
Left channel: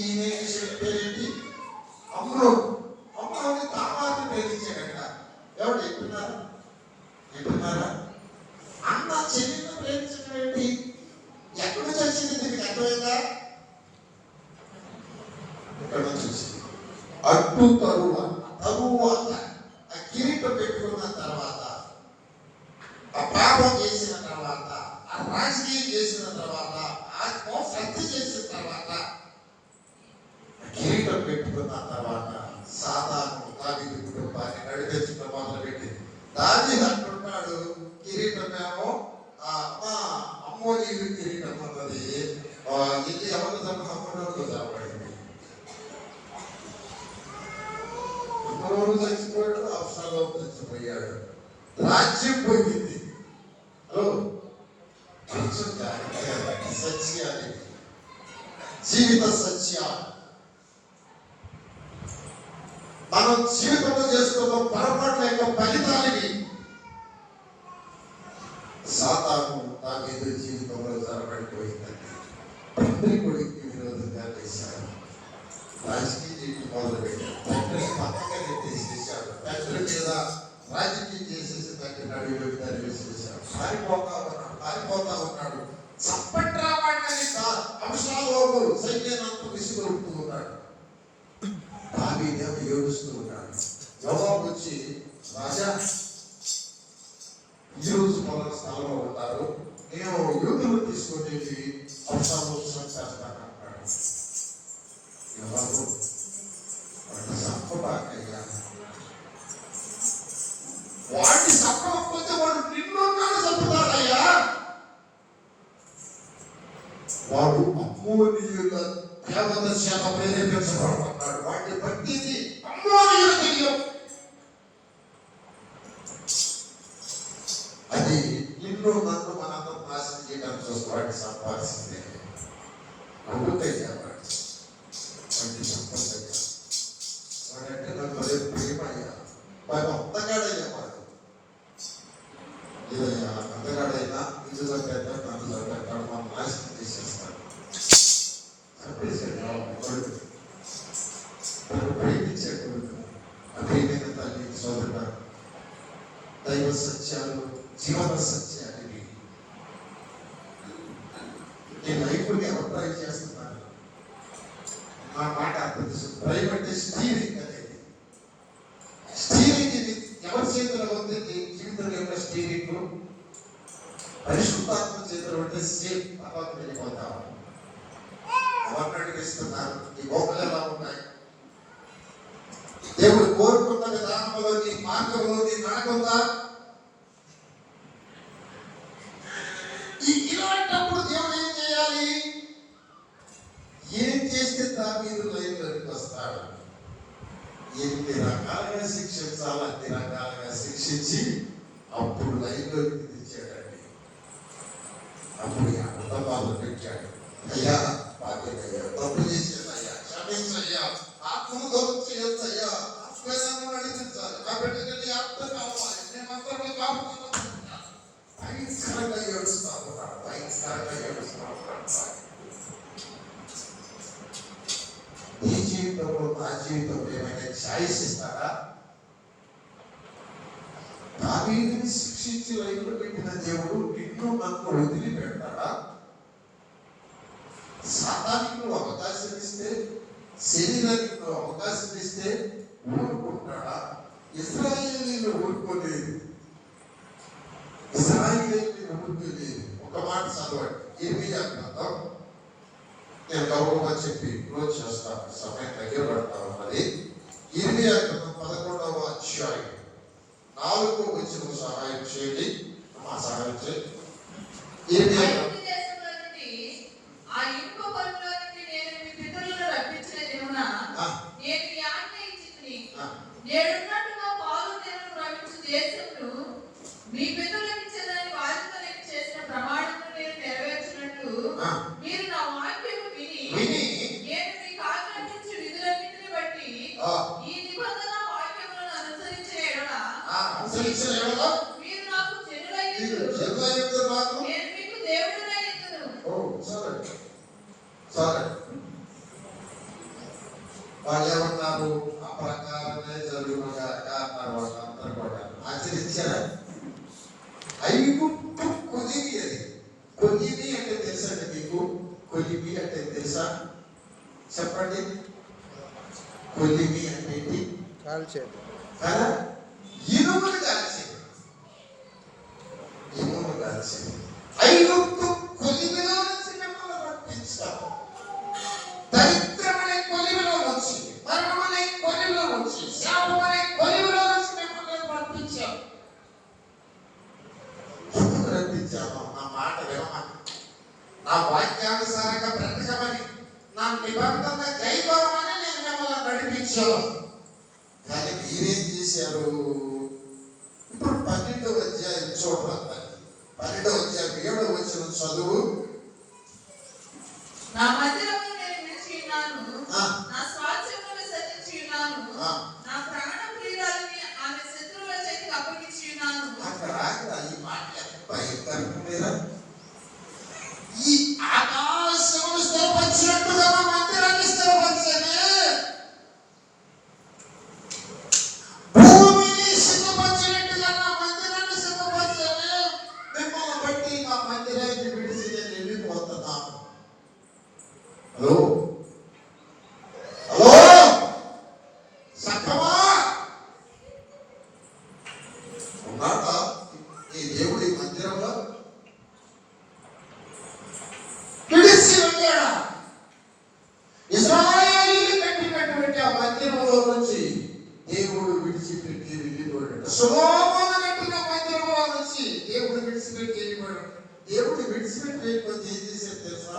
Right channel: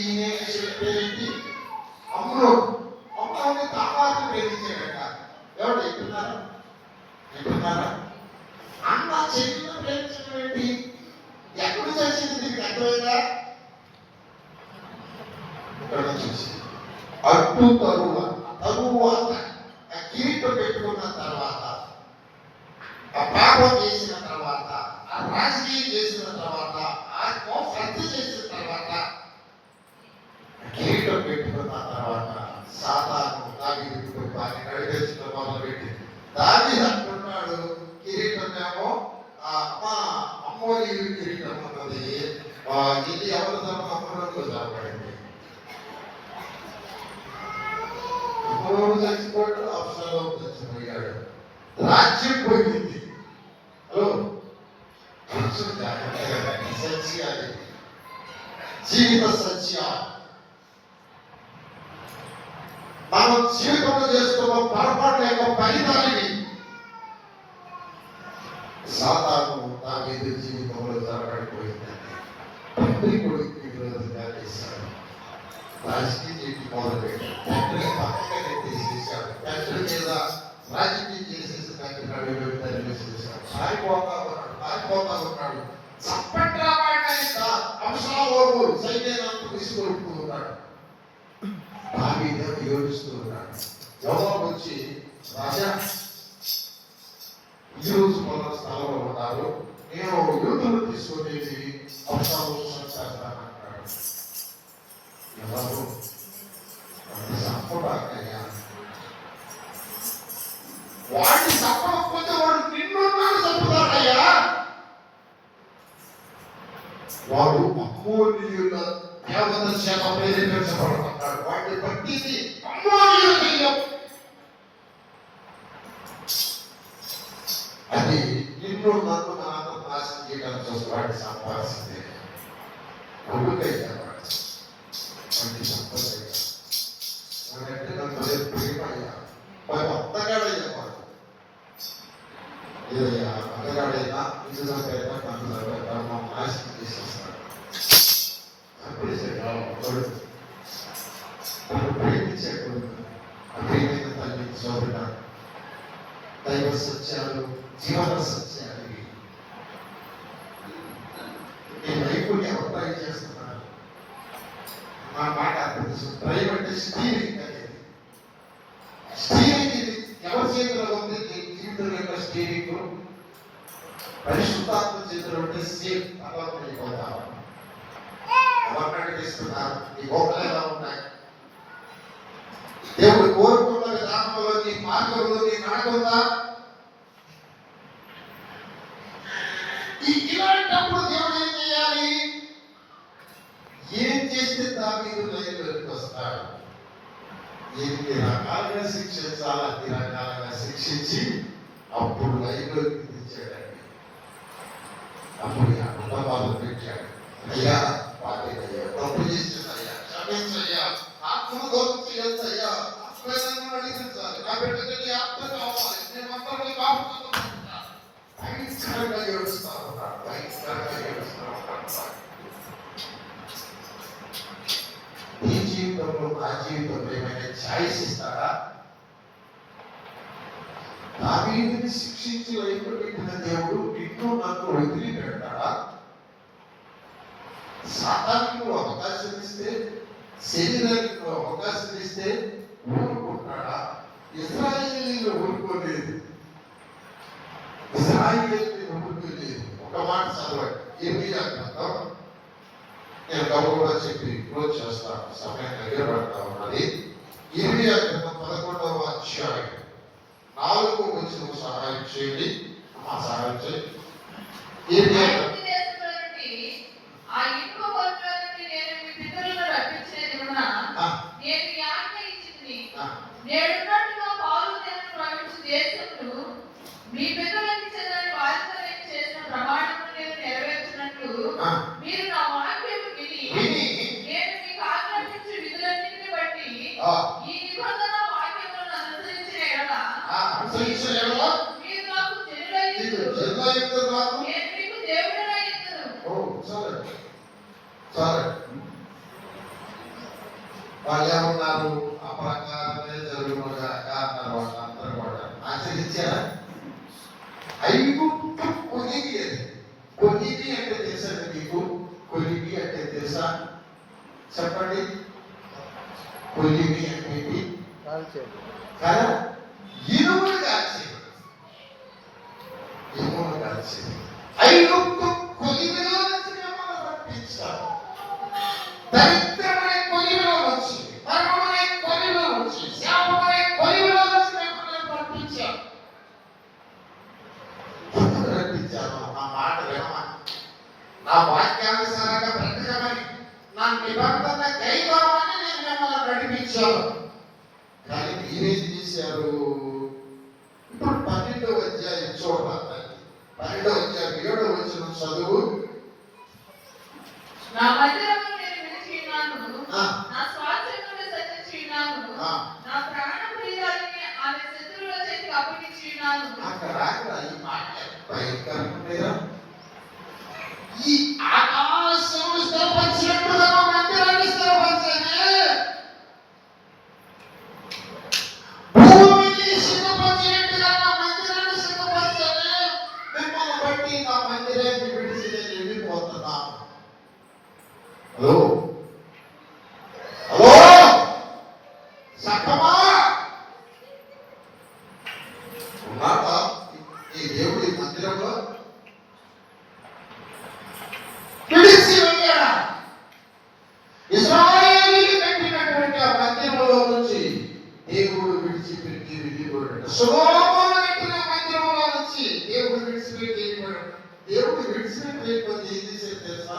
పేరేంటి? అమ్రోను. అమ్రోని తామారుని ప్రేమించాడట. ఎవరు చెప్తున్నారు? వింటున్నారా? అన్న చెల్లిని ప్రేమించడం ఏంటి? ఎక్కడ నుంచి వచ్చింది? దీనికి అర్థమైందా? ఇక్కడ నుంచి వచ్చింది. అడ్డు తరువాత ఆ కిరీటం పెట్టుకున్న తర్వాత, ఆ పాపం చేసిన తర్వాత, ఆ రాజకీయం చేసిన తర్వాత, ఆ హత్య చేసిన తర్వాత, కిరీటం పెట్టుకున్న తర్వాత సాతాను దావీదు కుటుంబాన్ని నడిపించడం మొదలుపెట్టింది. దావీదు అంటున్నాడు, కిరీటమేమో అమ్మోని కిరీటం అన్నది ఇది ఎవరి సంబంధంలో జరగబడింది. అమ్మోను చచ్చిపోయాడు, అప్సలోము చచ్చిపోయాడు, రాజ్యం పోయింది. హలో, సత్యాలు, జీవిత సత్యాలు మనం జీవితంలో చేసుకున్న పొరపాటు యొక్క ఫలితానికి సాతాను దావీదు జీవితంలో జరగబడిపోయిందండి. తండ్రి కొడుకు విరోధంగా చేశాడు, రాజకీయ జీవితం మొదలుపెట్టాడు, తండ్రి పక్కగా నెట్టేసేసాడు, తండ్రి మీద రాజకీయం చేసేసి తండ్రి నడుగు తరివేసేసాడు. పారిపోతా ఉన్నాడు. చప్పట్రా వాడిని అబ్షాలోము సైన్యాన్ని విసుగొడుతూ ఉన్నాడు. దావీదు ఏడుస్తూ ఉన్నాడు. యోవాబు వచ్చి, రాజా ఈరోజు మన స్థలంలో ఉన్నారు, నేను యూతులు తీసుకొని అబ్షాలోము చేస్తానంటాడు. ఎవరు వాడిని చంపడాకయ్యా, వాడిని చంపకపోతే వాడు నిన్నున్నాడు చంపుతాడయ్యా. వాడు అమ్మోనీయుల దేవత చేత ప్రేరేపించబడుతున్నాడు. వాడిని పట్టింది అమ్మోనీయుల దెయ్యం. అది నిన్ను నన్ను మాత్రం నాశనం చేయడానికి చూసి వాడిని సంపాదించింది. కొడుకయ్యా వాడిని సంపదయ్యా, వాడంటే నన్ను ప్రేమయ్యా, వాడు అందగాడయ్యా. వాడు ఏదయ్యా అందగాడైనా నిజంగా నన్ను నాశనం చేసేస్తాడు. ప్రేమించే కొడుకు, ప్రేమైన తల్లి, సోదరుడ, దైవ సత్యాలు, జీవన సత్యాలు ఈ లైఫ్ని ఎవరు ట్రై చేస్తున్నారు? మా మాట తెలుసు. డ్రైవ్ అంటే స్టీరింగ్ అనేది. స్టీరింగ్ ఇది ఎవరి చేతిలో ఉంది? జీవితం యొక్క స్టీరింగ్ పరిశుద్ధాత్మ చేతిలో ఉంటే సేఫ్ తర్వాత వెళ్ళిపోతాం. ఇస్తున్నారు. ఈ గోపలు ఎలా ఉన్నాయి? దేవుడు కోరుకున్న విధానంలో నీ మార్గంలో నీ నడకుందా? ఇలాంటప్పుడు దేవుడు ఏం చేయాలి? ఏం చేస్తే దావీదు లైన్లోకి వస్తాడు? ఎన్ని రకాలుగా శిక్షించాలి అన్ని రకాలుగా శిక్షించి అప్పుడు లైన్లోకి తెచ్చాడండి. అప్పుడు కుటుంబాలు పెట్టాడు. అయ్యా తప్పు చేసిందయ్యా, క్షమించయ్యా, ఆత్మను దూరం చేయొచ్చయ్యా, ఆత్మీయంగా నడిపించాలి, నా బిడ్డకి ఆత్మ కావాలి, నేను అందరూ కాపుతున్నా. భయంకరంగా ఏడుస్తా ఉన్నాడు, భయంకరంగా ఏడుస్తా ఉన్నాడు. నీ జీవితంలో నా జీవితంలో ఏమైనా ఛాయిస్ ఇస్తారా? దావీదుని శిక్షించి లైఫ్లో పెట్టిన దేవుడు నిన్ను నన్ను వదిలిపెడతాడా? సాతానికి అవకాశం ఇస్తే, శరీరానికి అవకాశం ఇస్తే ఊరుకుంటాడా? ఇశ్రాయేలీలు ఊరుకోలేదు, ఇశ్రాయేలీలు ఊరుకోలేదు. ఒక మాట చదవండి, ఇర్మియా గ్రంథం. నేను గౌరవంగా చెప్పి క్లోజ్ చేస్తాను, సమయం దగ్గర పడతా ఉన్నది. ఇర్మియా గ్రంథం 11వ అధ్యాయం 4వ వచనం సహాయం చేయండి. సహాయం చేయండి. ఇర్మియా మీ పితరులకు చెందిన వారితో నేను చేసిన ప్రమాణమును నేను నెరవేర్చినట్లు మీరు నా వాక్యము విని నేను మీకు ఆజ్ఞాపించు విధులన్నిటిని బట్టి ఈ నిబంధన వాక్యములను అనుసరించిన ఎడల మీరు నాకు జనులైన కొలిమి అంటే తెలుసండి మీకు? కొలిమి అంటే తెలుసా? చెప్పండి. కొలిమి అంటే కదా, ఇనుములు కాల్చేది. ఇనుములు కాల్చేది. ఐగుప్తు కొలిమిలో నుంచి మిమ్మల్ని రప్పించారు. దరిద్రమనే కొలిమిలో నుంచి, మరణమనే కొలిమిలో నుంచి, శాపమనే కొలిమిలో నుంచి మిమ్మల్ని రప్పించారు. ఎందుకు రప్పించాను? నా మాట వినమని, నా వాక్యానుసారంగా బ్రతకమని, నా నిబంధన కైకోమని నేను మిమ్మల్ని నడిపించాను. కానీ మీరేం చేశారు? ఇప్పుడు 12వ అధ్యాయం చూడండి. 12వ అధ్యాయం 7వ వచనం చదువు. నా మందిరమును నేను విడిచి ఉన్నాను, నా స్వాస్థ్యమును విసర్జించి ఉన్నాను, నా ప్రాణ ప్రియురాలిని ఆమె శత్రువుల చేతికి అప్పగించి ఉన్నాను. అక్కడ ఈ మాట భయంకరంగా, ఈ ఆకాశమును స్థిరపరిచినట్టుగా నా మందిరాన్ని స్థిరపరిచానే, భూమిని సిద్ధపరిచినట్టుగా నా మందిరాన్ని సిద్ధపరిచానే, మిమ్మల్ని బట్టి నా మందిరాన్ని విడిచి నేను వెళ్ళిపోతున్నాను. హలో హలో సఖమా, ఉన్నాడా ఈ దేవుడి మందిరంలో? విడిచి వెళ్ళాడా? ఇశ్రాయేలీయులు కట్టినటువంటి ఆ మందిరంలో నుంచి దేవుడు విడిచిపెట్టి వెళ్ళిపోయాడు. సొలొమోను కట్టిన మందిరంలో నుంచి దేవుడు విడిచిపెట్టి వెళ్ళిపోయాడు. దేవుడు విడిచిపెట్టి వెళ్ళిపోతే ఏం చేశాడు తెలుసా?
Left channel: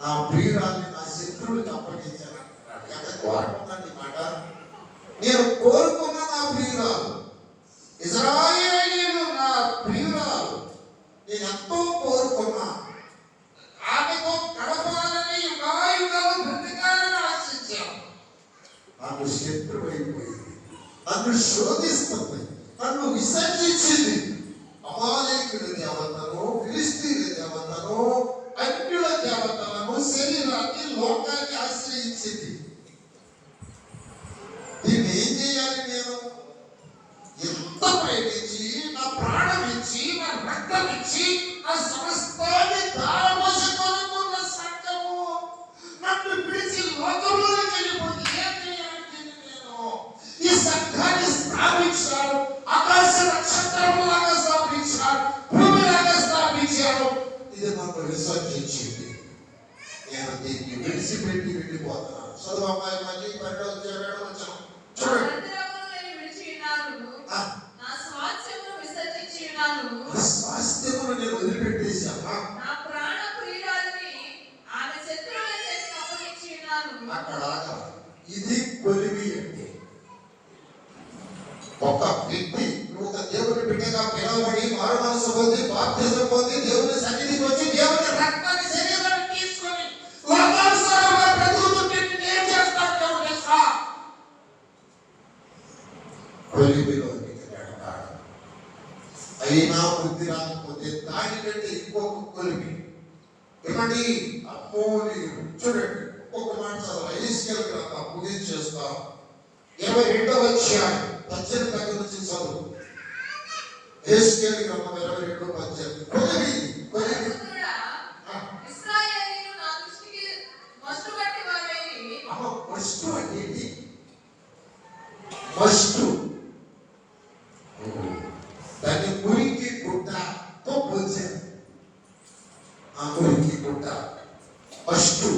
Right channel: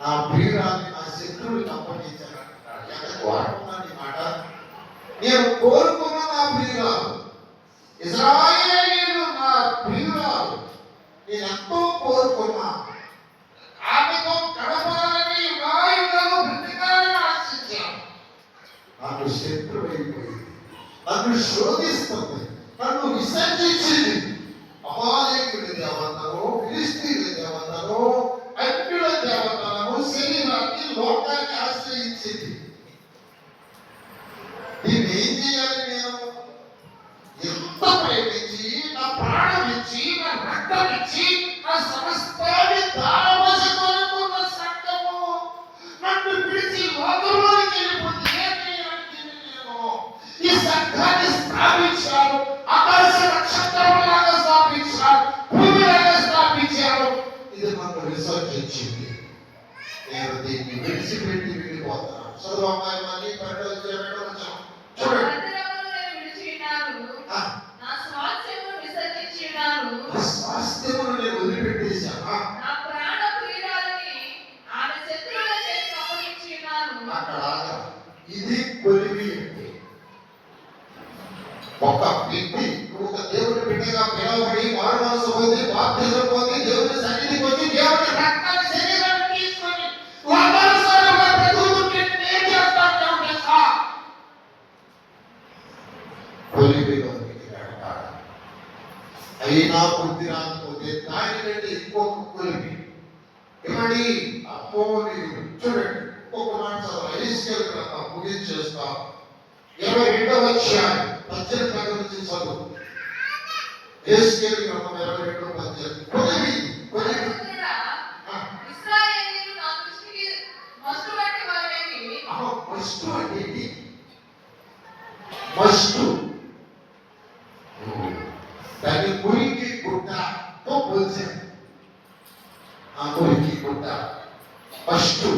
నా ప్రియురాన్ని నా శత్రువులకు అప్పగించాను అంటున్నాడు. ఎంత కోరుకున్నాను ఈ మాట? నేను కోరుకున్న నా ప్రియురాలు, ఇశ్రాయేలీయులు నా ప్రియురాలు, నేను ఎంతో కోరుకున్నా. ఆమెతో గడపాలని యుగాయుగాలు బ్రతకాలని ఆశించాను. నాకు శత్రువు అయిపోయింది, నన్ను శోధిస్తుంది, నన్ను విసర్జించింది. అమాలేకుల దేవతను, ఫిలిష్తీయుల దేవతను, అన్యుల దేవతలను, శరీరాన్ని, లోకాన్ని ఆశ్రయించింది. దీన్ని ఏం చేయాలి? నేను ఎంత ప్రేమించి, నా ప్రాణం ఇచ్చి, నా రక్తం ఇచ్చి, నా సమస్తాన్ని దారవశకొనుకున్న సంఘము నన్ను విడిచి లోకంలోకి వెళ్ళిపోతే ఏం చేయాలి? నేను ఈ సంఘాన్ని స్థాపించాను, ఆకాశ నక్షత్రములాగా స్థాపించాను, భూమిలాగా స్థాపించాను. ఇది నన్ను విసర్జించింది. నేను దీన్ని విడిచిపెట్టి వెళ్ళిపోతున్నాను. చదువు అమ్మాయి, మళ్ళీ 12వ అధ్యాయం చూడండి. నా స్వాస్థ్యమును విసర్జించి ఉన్నాను, స్వాస్థ్యమును నేను వదిలిపెట్టేశాను. నా ప్రాణ ప్రియురాలిని ఆమె శత్రువుల చేతికి అప్పగించి ఉన్నాను. అక్కడ ఇది కొలిమి అంటే ఒక వ్యక్తి ఒక దేవుని బిడ్డగా పిలువబడి మారు మనసు పొంది బాప్తిజం పొంది దేవుని సన్నిధికి వచ్చి దేవుని రక్తాన్ని శరీరాన్ని తీసుకొని లోకానుసారంగా బ్రతుకుతుంటే ఏం చేస్తాను? కొలిమిలో వెళ్తాడు. అయినా బుద్ధి రాకపోతే దానికంటే ఇంకొక కొలిమి. ఏమండి అమ్మోని చూడండి, ఒక మాట చదువు. యెహెజ్కేలు గ్రంథం ముగించేస్తా. 22వ అధ్యాయం 18 దగ్గర నుంచి చదువు. యెహెజ్కేలు గ్రంథం 22:18. కొలిమి కొలిమి. ఇశ్రాయేలీయులు నా దృష్టికి మస్తుబట్టి వారేమి. మస్తు అంటే ఏంటి? మస్తు దాన్ని మురికి గుడ్డతో పోల్చాను. ఆ మురికి గుడ్డ మస్తు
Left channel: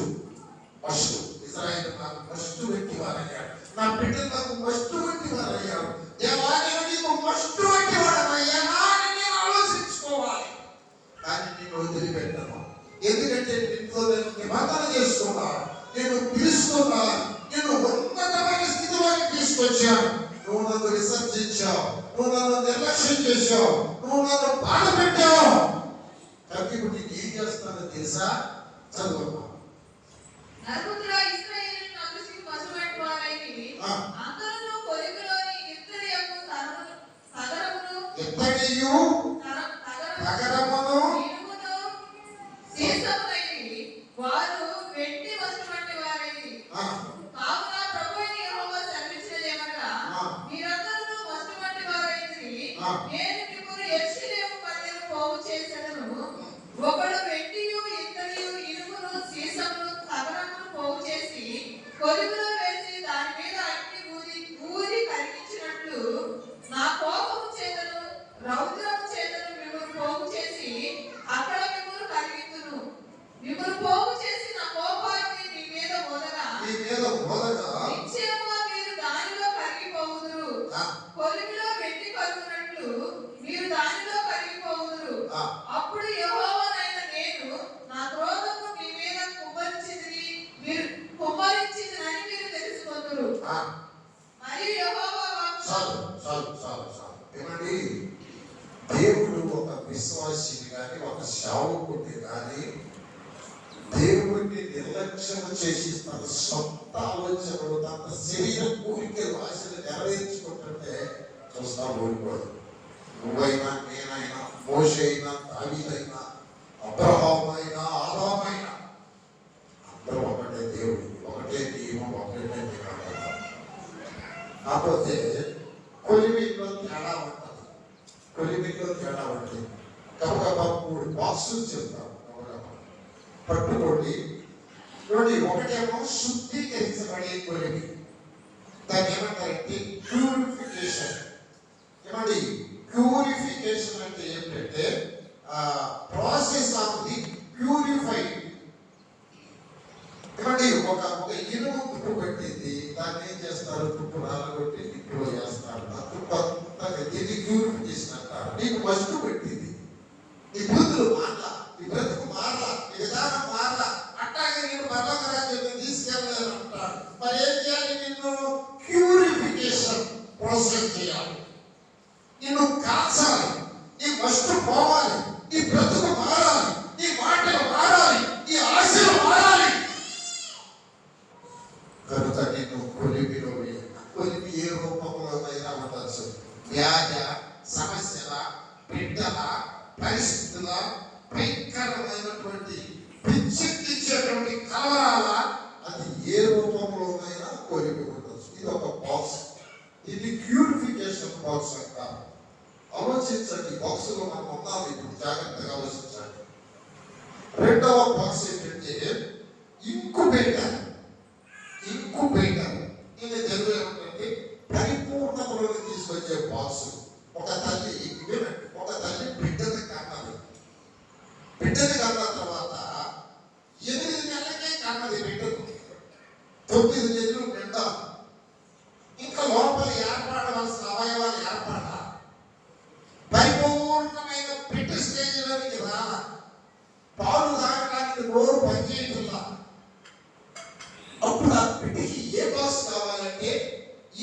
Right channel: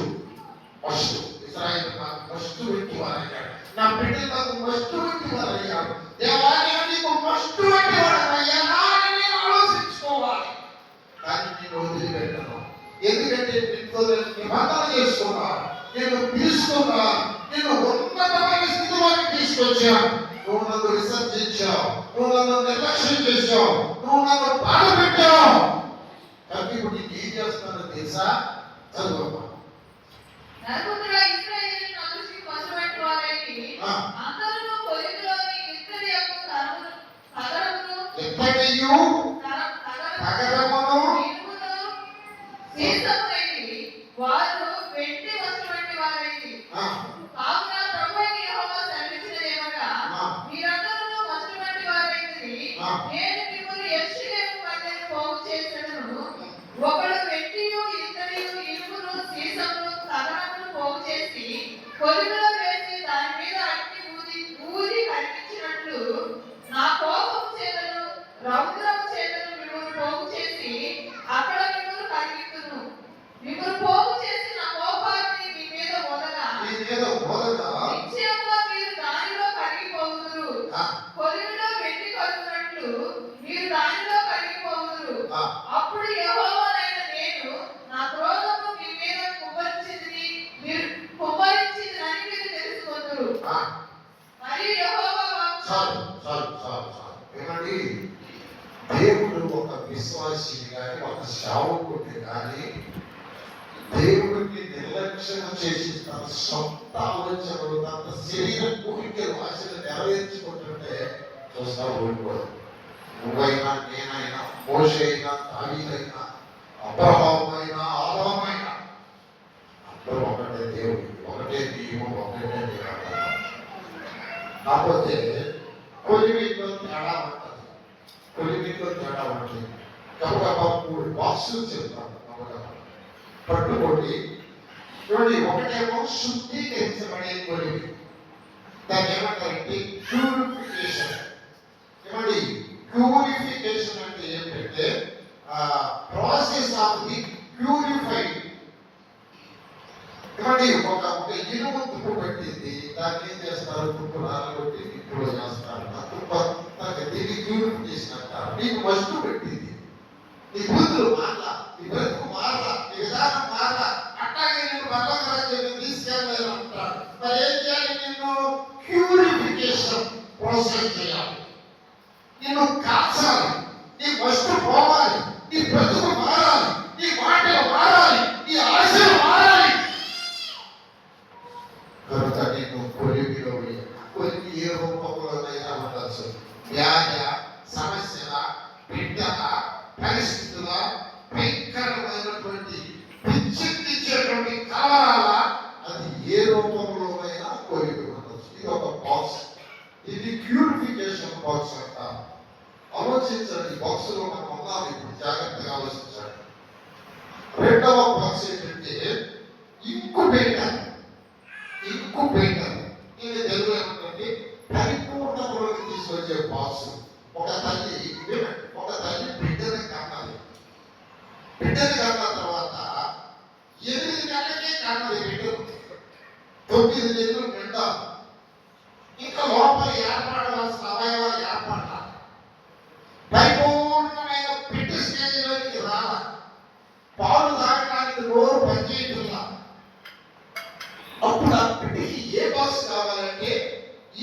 మస్తు. ఇశ్రాయేలు నాకు మస్తు వంటి వారయ్యాడు, నా బిడ్డలు నాకు మస్తు వంటి వారయ్యాడు. దేవాలయ నీకు మస్తు వంటి వారయ్యా అని నేను ఆలోచించుకోవాలి. కానీ నేను వదిలిపెట్టాను. ఎందుకంటే నీతో నేను నిబంధన చేసుకున్నాను, నేను తీసుకున్నా, నేను ఉన్నతమైన స్థితిలోకి తీసుకొచ్చాను. నువ్వు నన్ను విసర్జించావు, నువ్వు నన్ను నిర్లక్ష్యం చేశావు, నువ్వు నన్ను బాధ పెట్టావు. కాబట్టి ఇప్పుడు నేను ఏం చేస్తానో తెలుసా? చదువు. నరపుత్రుడా, ఇశ్రాయేలీయులు నా దృష్టికి మస్తుబట్టి వారేమి. అందరూ కొలిమిలోని ఇత్తడి యొక్క తగరమును, ఎత్తడియు తగరమును, ఇనుమును, సీసములైనవి. వారు వెండి వస్తువంటి వారేమి. కావున ప్రభువైన యెహోవా సెలవిచ్చినదేమనగా, మీరందరూ వస్తువంటి వారైతిరి. నేను మిమ్మల్ని యెరూషలేము మధ్యన పోగు చేసేదను. ఒకడు ఉంది కానీ దేవుడికి నిర్లక్ష్యం చేసి తన సొంత ఆలోచనలు తన శరీర కోరికలు ఆశలు నెరవేర్చుకుంటుంటే చూస్తా ఓడిపోదు. నువ్వైనా నేనైనా మోషే అయినా దావీదైనా అబ్రహాము అయినా ఆదాము అయినా అందరూ ఒకటే దేవుడు, ఒకటే నియమం, ఒకటే నిరాకరణ. కాకపోతే కొలిమిలో తేడా ఉంటుంది, కొలిమిలో తేడా ఉంటుంది. కాబట్టి 3 బాక్సులు చెప్తాను పట్టుకోండి. చూడండి, ఒకటేమో శుద్ధీకరించబడే కొలిమి, దాన్ని ఏమంటారంటే ప్యూరిఫికేషన్. ఏమండి ప్యూరిఫికేషన్ అంటే ఏంటంటే ప్రాసెస్ ఆఫ్ ది ప్యూరిఫైడ్. ఏమండి ఒక ఇనుము తుప్పు పెట్టింది, దాన్ని ఏం చేస్తారు, తుప్పు రాలగొట్టి ఇప్పుడు చేస్తారు. ఆ తుప్పు అంతా దీన్ని ప్యూరిఫికేషన్ అంటారు. నీకు మస్టు పెట్టింది, నీ బుద్ధులు మారలా, నీ బ్రతుకు మారలా, నీ విధానం మారలా, అట్టాగే నేను భగవంతురాజ్యాన్ని తీసుకెళ్ళలేదు అంటాడు. మరి ఏం చేయాలి? నిన్ను ప్యూరిఫికేషన్ ప్రాసెస్ చేయాలి, నిన్ను కాల్చాలి, నీ మస్టు పోవాలి, నీ బ్రతుకు మారాలి, నీ మాటలు మారాలి, నీ ఆశలు మారాలి. కనుక నేను కొలిమిలో కొలిమి ఏ రూపంలోనైనా ఉండొచ్చు. వ్యాధి, సమస్యల, బిడ్డల, పరిస్థితుల, భయంకరమైనటువంటి పిచ్చెక్కించేటువంటి కలవరాల, అది ఏ రూపంలోనైనా కొలిమి ఉండొచ్చు. ఇది ఒక బాక్స్, ఇది ప్యూరిఫికేషన్ బాక్స్ అంటారు. ఆలోచించండి, బాక్సులో మనం ఉన్నాము ఇప్పుడు, జాగ్రత్తగా ఆలోచించండి. రెండవ బాక్స్ ఏంటంటే ఇంకుబేటర్. ఇంకుబేటర్ ఇది తెలుగు ఏమంటే పరిపూర్ణతలోకి తీసుకొచ్చే బాక్స్. ఒక తల్లి బిడ్డని కన్నది, బిడ్డని కన్న తర్వాత 8 నెలలకే కన్నది బిడ్డను, 9 నెలలు బిడ్డ. ఇంకా లోపల ఏర్పడవలసిన అవయవాలు ఏర్పడాలి, పరిపూర్ణమైన బిడ్డ స్టేజ్లోకి రావాలి. పాలు తాగడానికి నోరు పనిచేయట్లా. అప్పుడు ఆ బిడ్డకి ఏ బాక్స్ కావాలంటే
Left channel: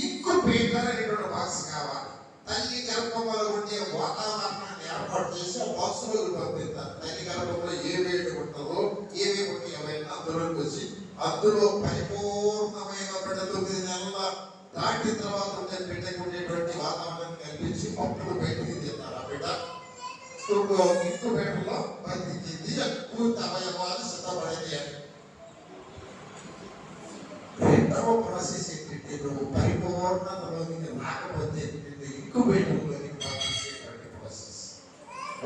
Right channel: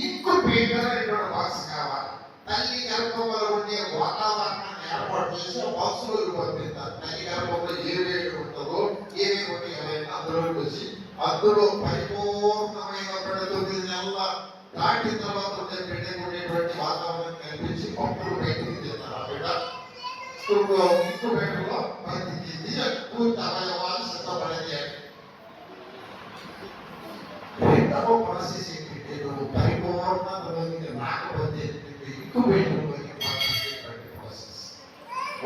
ఇంకుబేటర్ అనేటువంటి బాక్స్ కావాలి. తల్లి గర్భంలో ఉండే వాతావరణాన్ని ఏర్పాటు చేసి ఆ బాక్స్ లో పంపిస్తారు. తల్లి గర్భంలో ఏ వేడి ఉంటుందో, ఏమేమి ఉంటాయో అందులోకి వచ్చి అందులో పరిపూర్ణమైన 9 నెలల దాటిన తర్వాత ఉండే బిడ్డకు ఉండేటువంటి వాతావరణం కల్పించి పప్పులు బయటికి తింటారు. ఆ బిడ్డ ఇంకుబేటర్లో బతికింది, పూర్తి అవయవాలు సిద్ధపడేది. రెండవ ప్రాసెస్ ఏంటంటే నువ్వు పరిపూర్ణతలోకి రాకపోతే ఇంకుబేటర్లోకి పంపించేటువంటి ప్రాసెస్.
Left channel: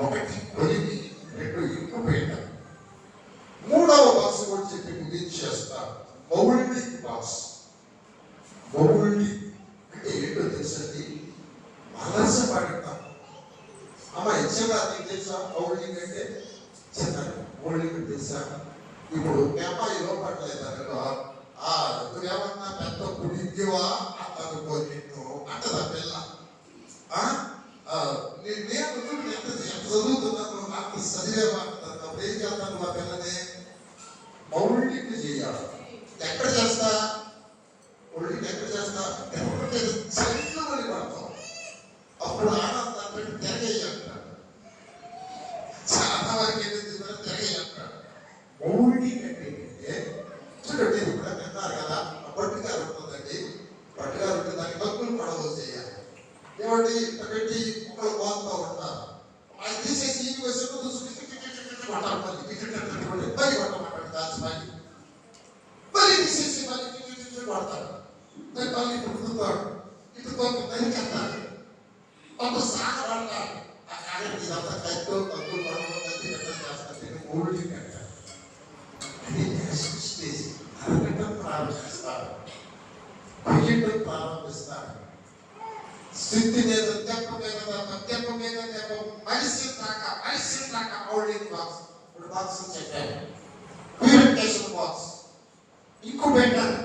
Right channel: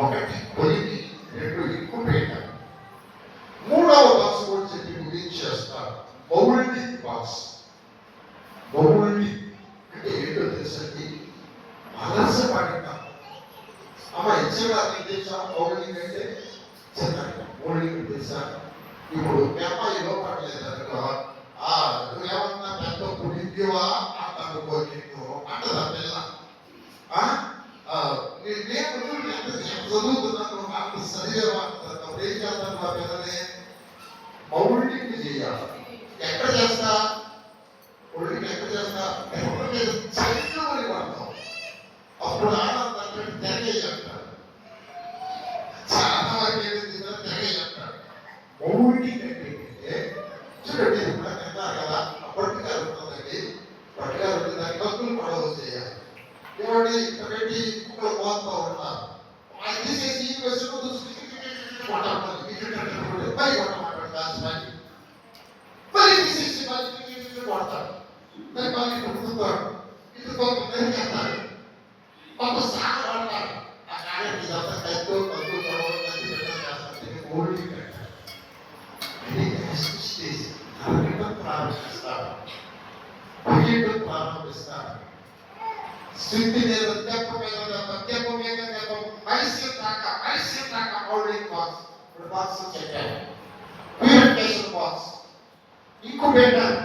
ఒకటి కొలిమి, 2 ఇంకుబేటర్. మూడవ బాక్స్ గురించి చెప్పి ముగించేస్తారు, మౌల్డింగ్ బాక్స్. మౌల్డింగ్ అంటే ఏంటో తెలుసండి, అలసపడటం. అమ్మ ఇచ్చేవారికి తెలుసా మౌల్డింగ్ అంటే? చిన్నగా మౌల్డింగ్ తెలుసా? ఇప్పుడు మీ అమ్మాయి లోపడలేదు అనుకో, నువ్వేమన్నా పెద్ద పుడిద్దివా అనుకో, నిన్ను అంటదా పిల్ల. నేను ఎంత చదువుతున్నాను, అంత చదివేవా, ఏం చేస్తాను ఆ పిల్లని మౌల్డింగ్ చేయాలి. ఎక్కడ చేస్తా? మౌల్డింగ్ ఎక్కడ చేస్తా? చైతన్యం పడతాం. అప్పుడు ఆనందంటే తెగేయి అంటాడు, చాలా వరకు తెగేయి అంటాడు. మౌల్డింగ్ అంటే చూడండి, ఇప్పుడు తిన్నారు కదా, పట్టుగారు ఉంటుందండి, పట్టుగారు ఉంటే దానికి డబ్బులు పడవ చేయాలి. ఏమండి పెట్టి కుక్కలు పోతూ ఉంటారు, అది తీసేసి ఈ వయసులో చూసుకుంటారు, మళ్ళీ కొట్టమంటాడు దాచిమని, మళ్ళీ తీసేసి మళ్ళీ కొడతాడు, దాన్ని మళ్ళీ పుట్టుతాడు, ఇటు కొంతమంది కట్టారు, కొంత సాగ పడతారు. ఆ కార్యం ఇదంతా కైతో కద్దు గొడవ కత్తి చేస్తారు, ఓల్డ్ కట్టారు. అది నెక్స్ట్ స్టేజ్. ప్రారంభిస్తారు, ప్రారంభిస్తారు. స్థితి మీద దెబ్బ మీద దెబ్బ మీద దెబ్బ, మనిషి దాకా మౌల్డింగ్ బాక్స్. ఇప్పుడు బాక్స్ చెప్పాను, ప్యూరిఫికేషన్ బాక్స్, ఇంకుబేటర్.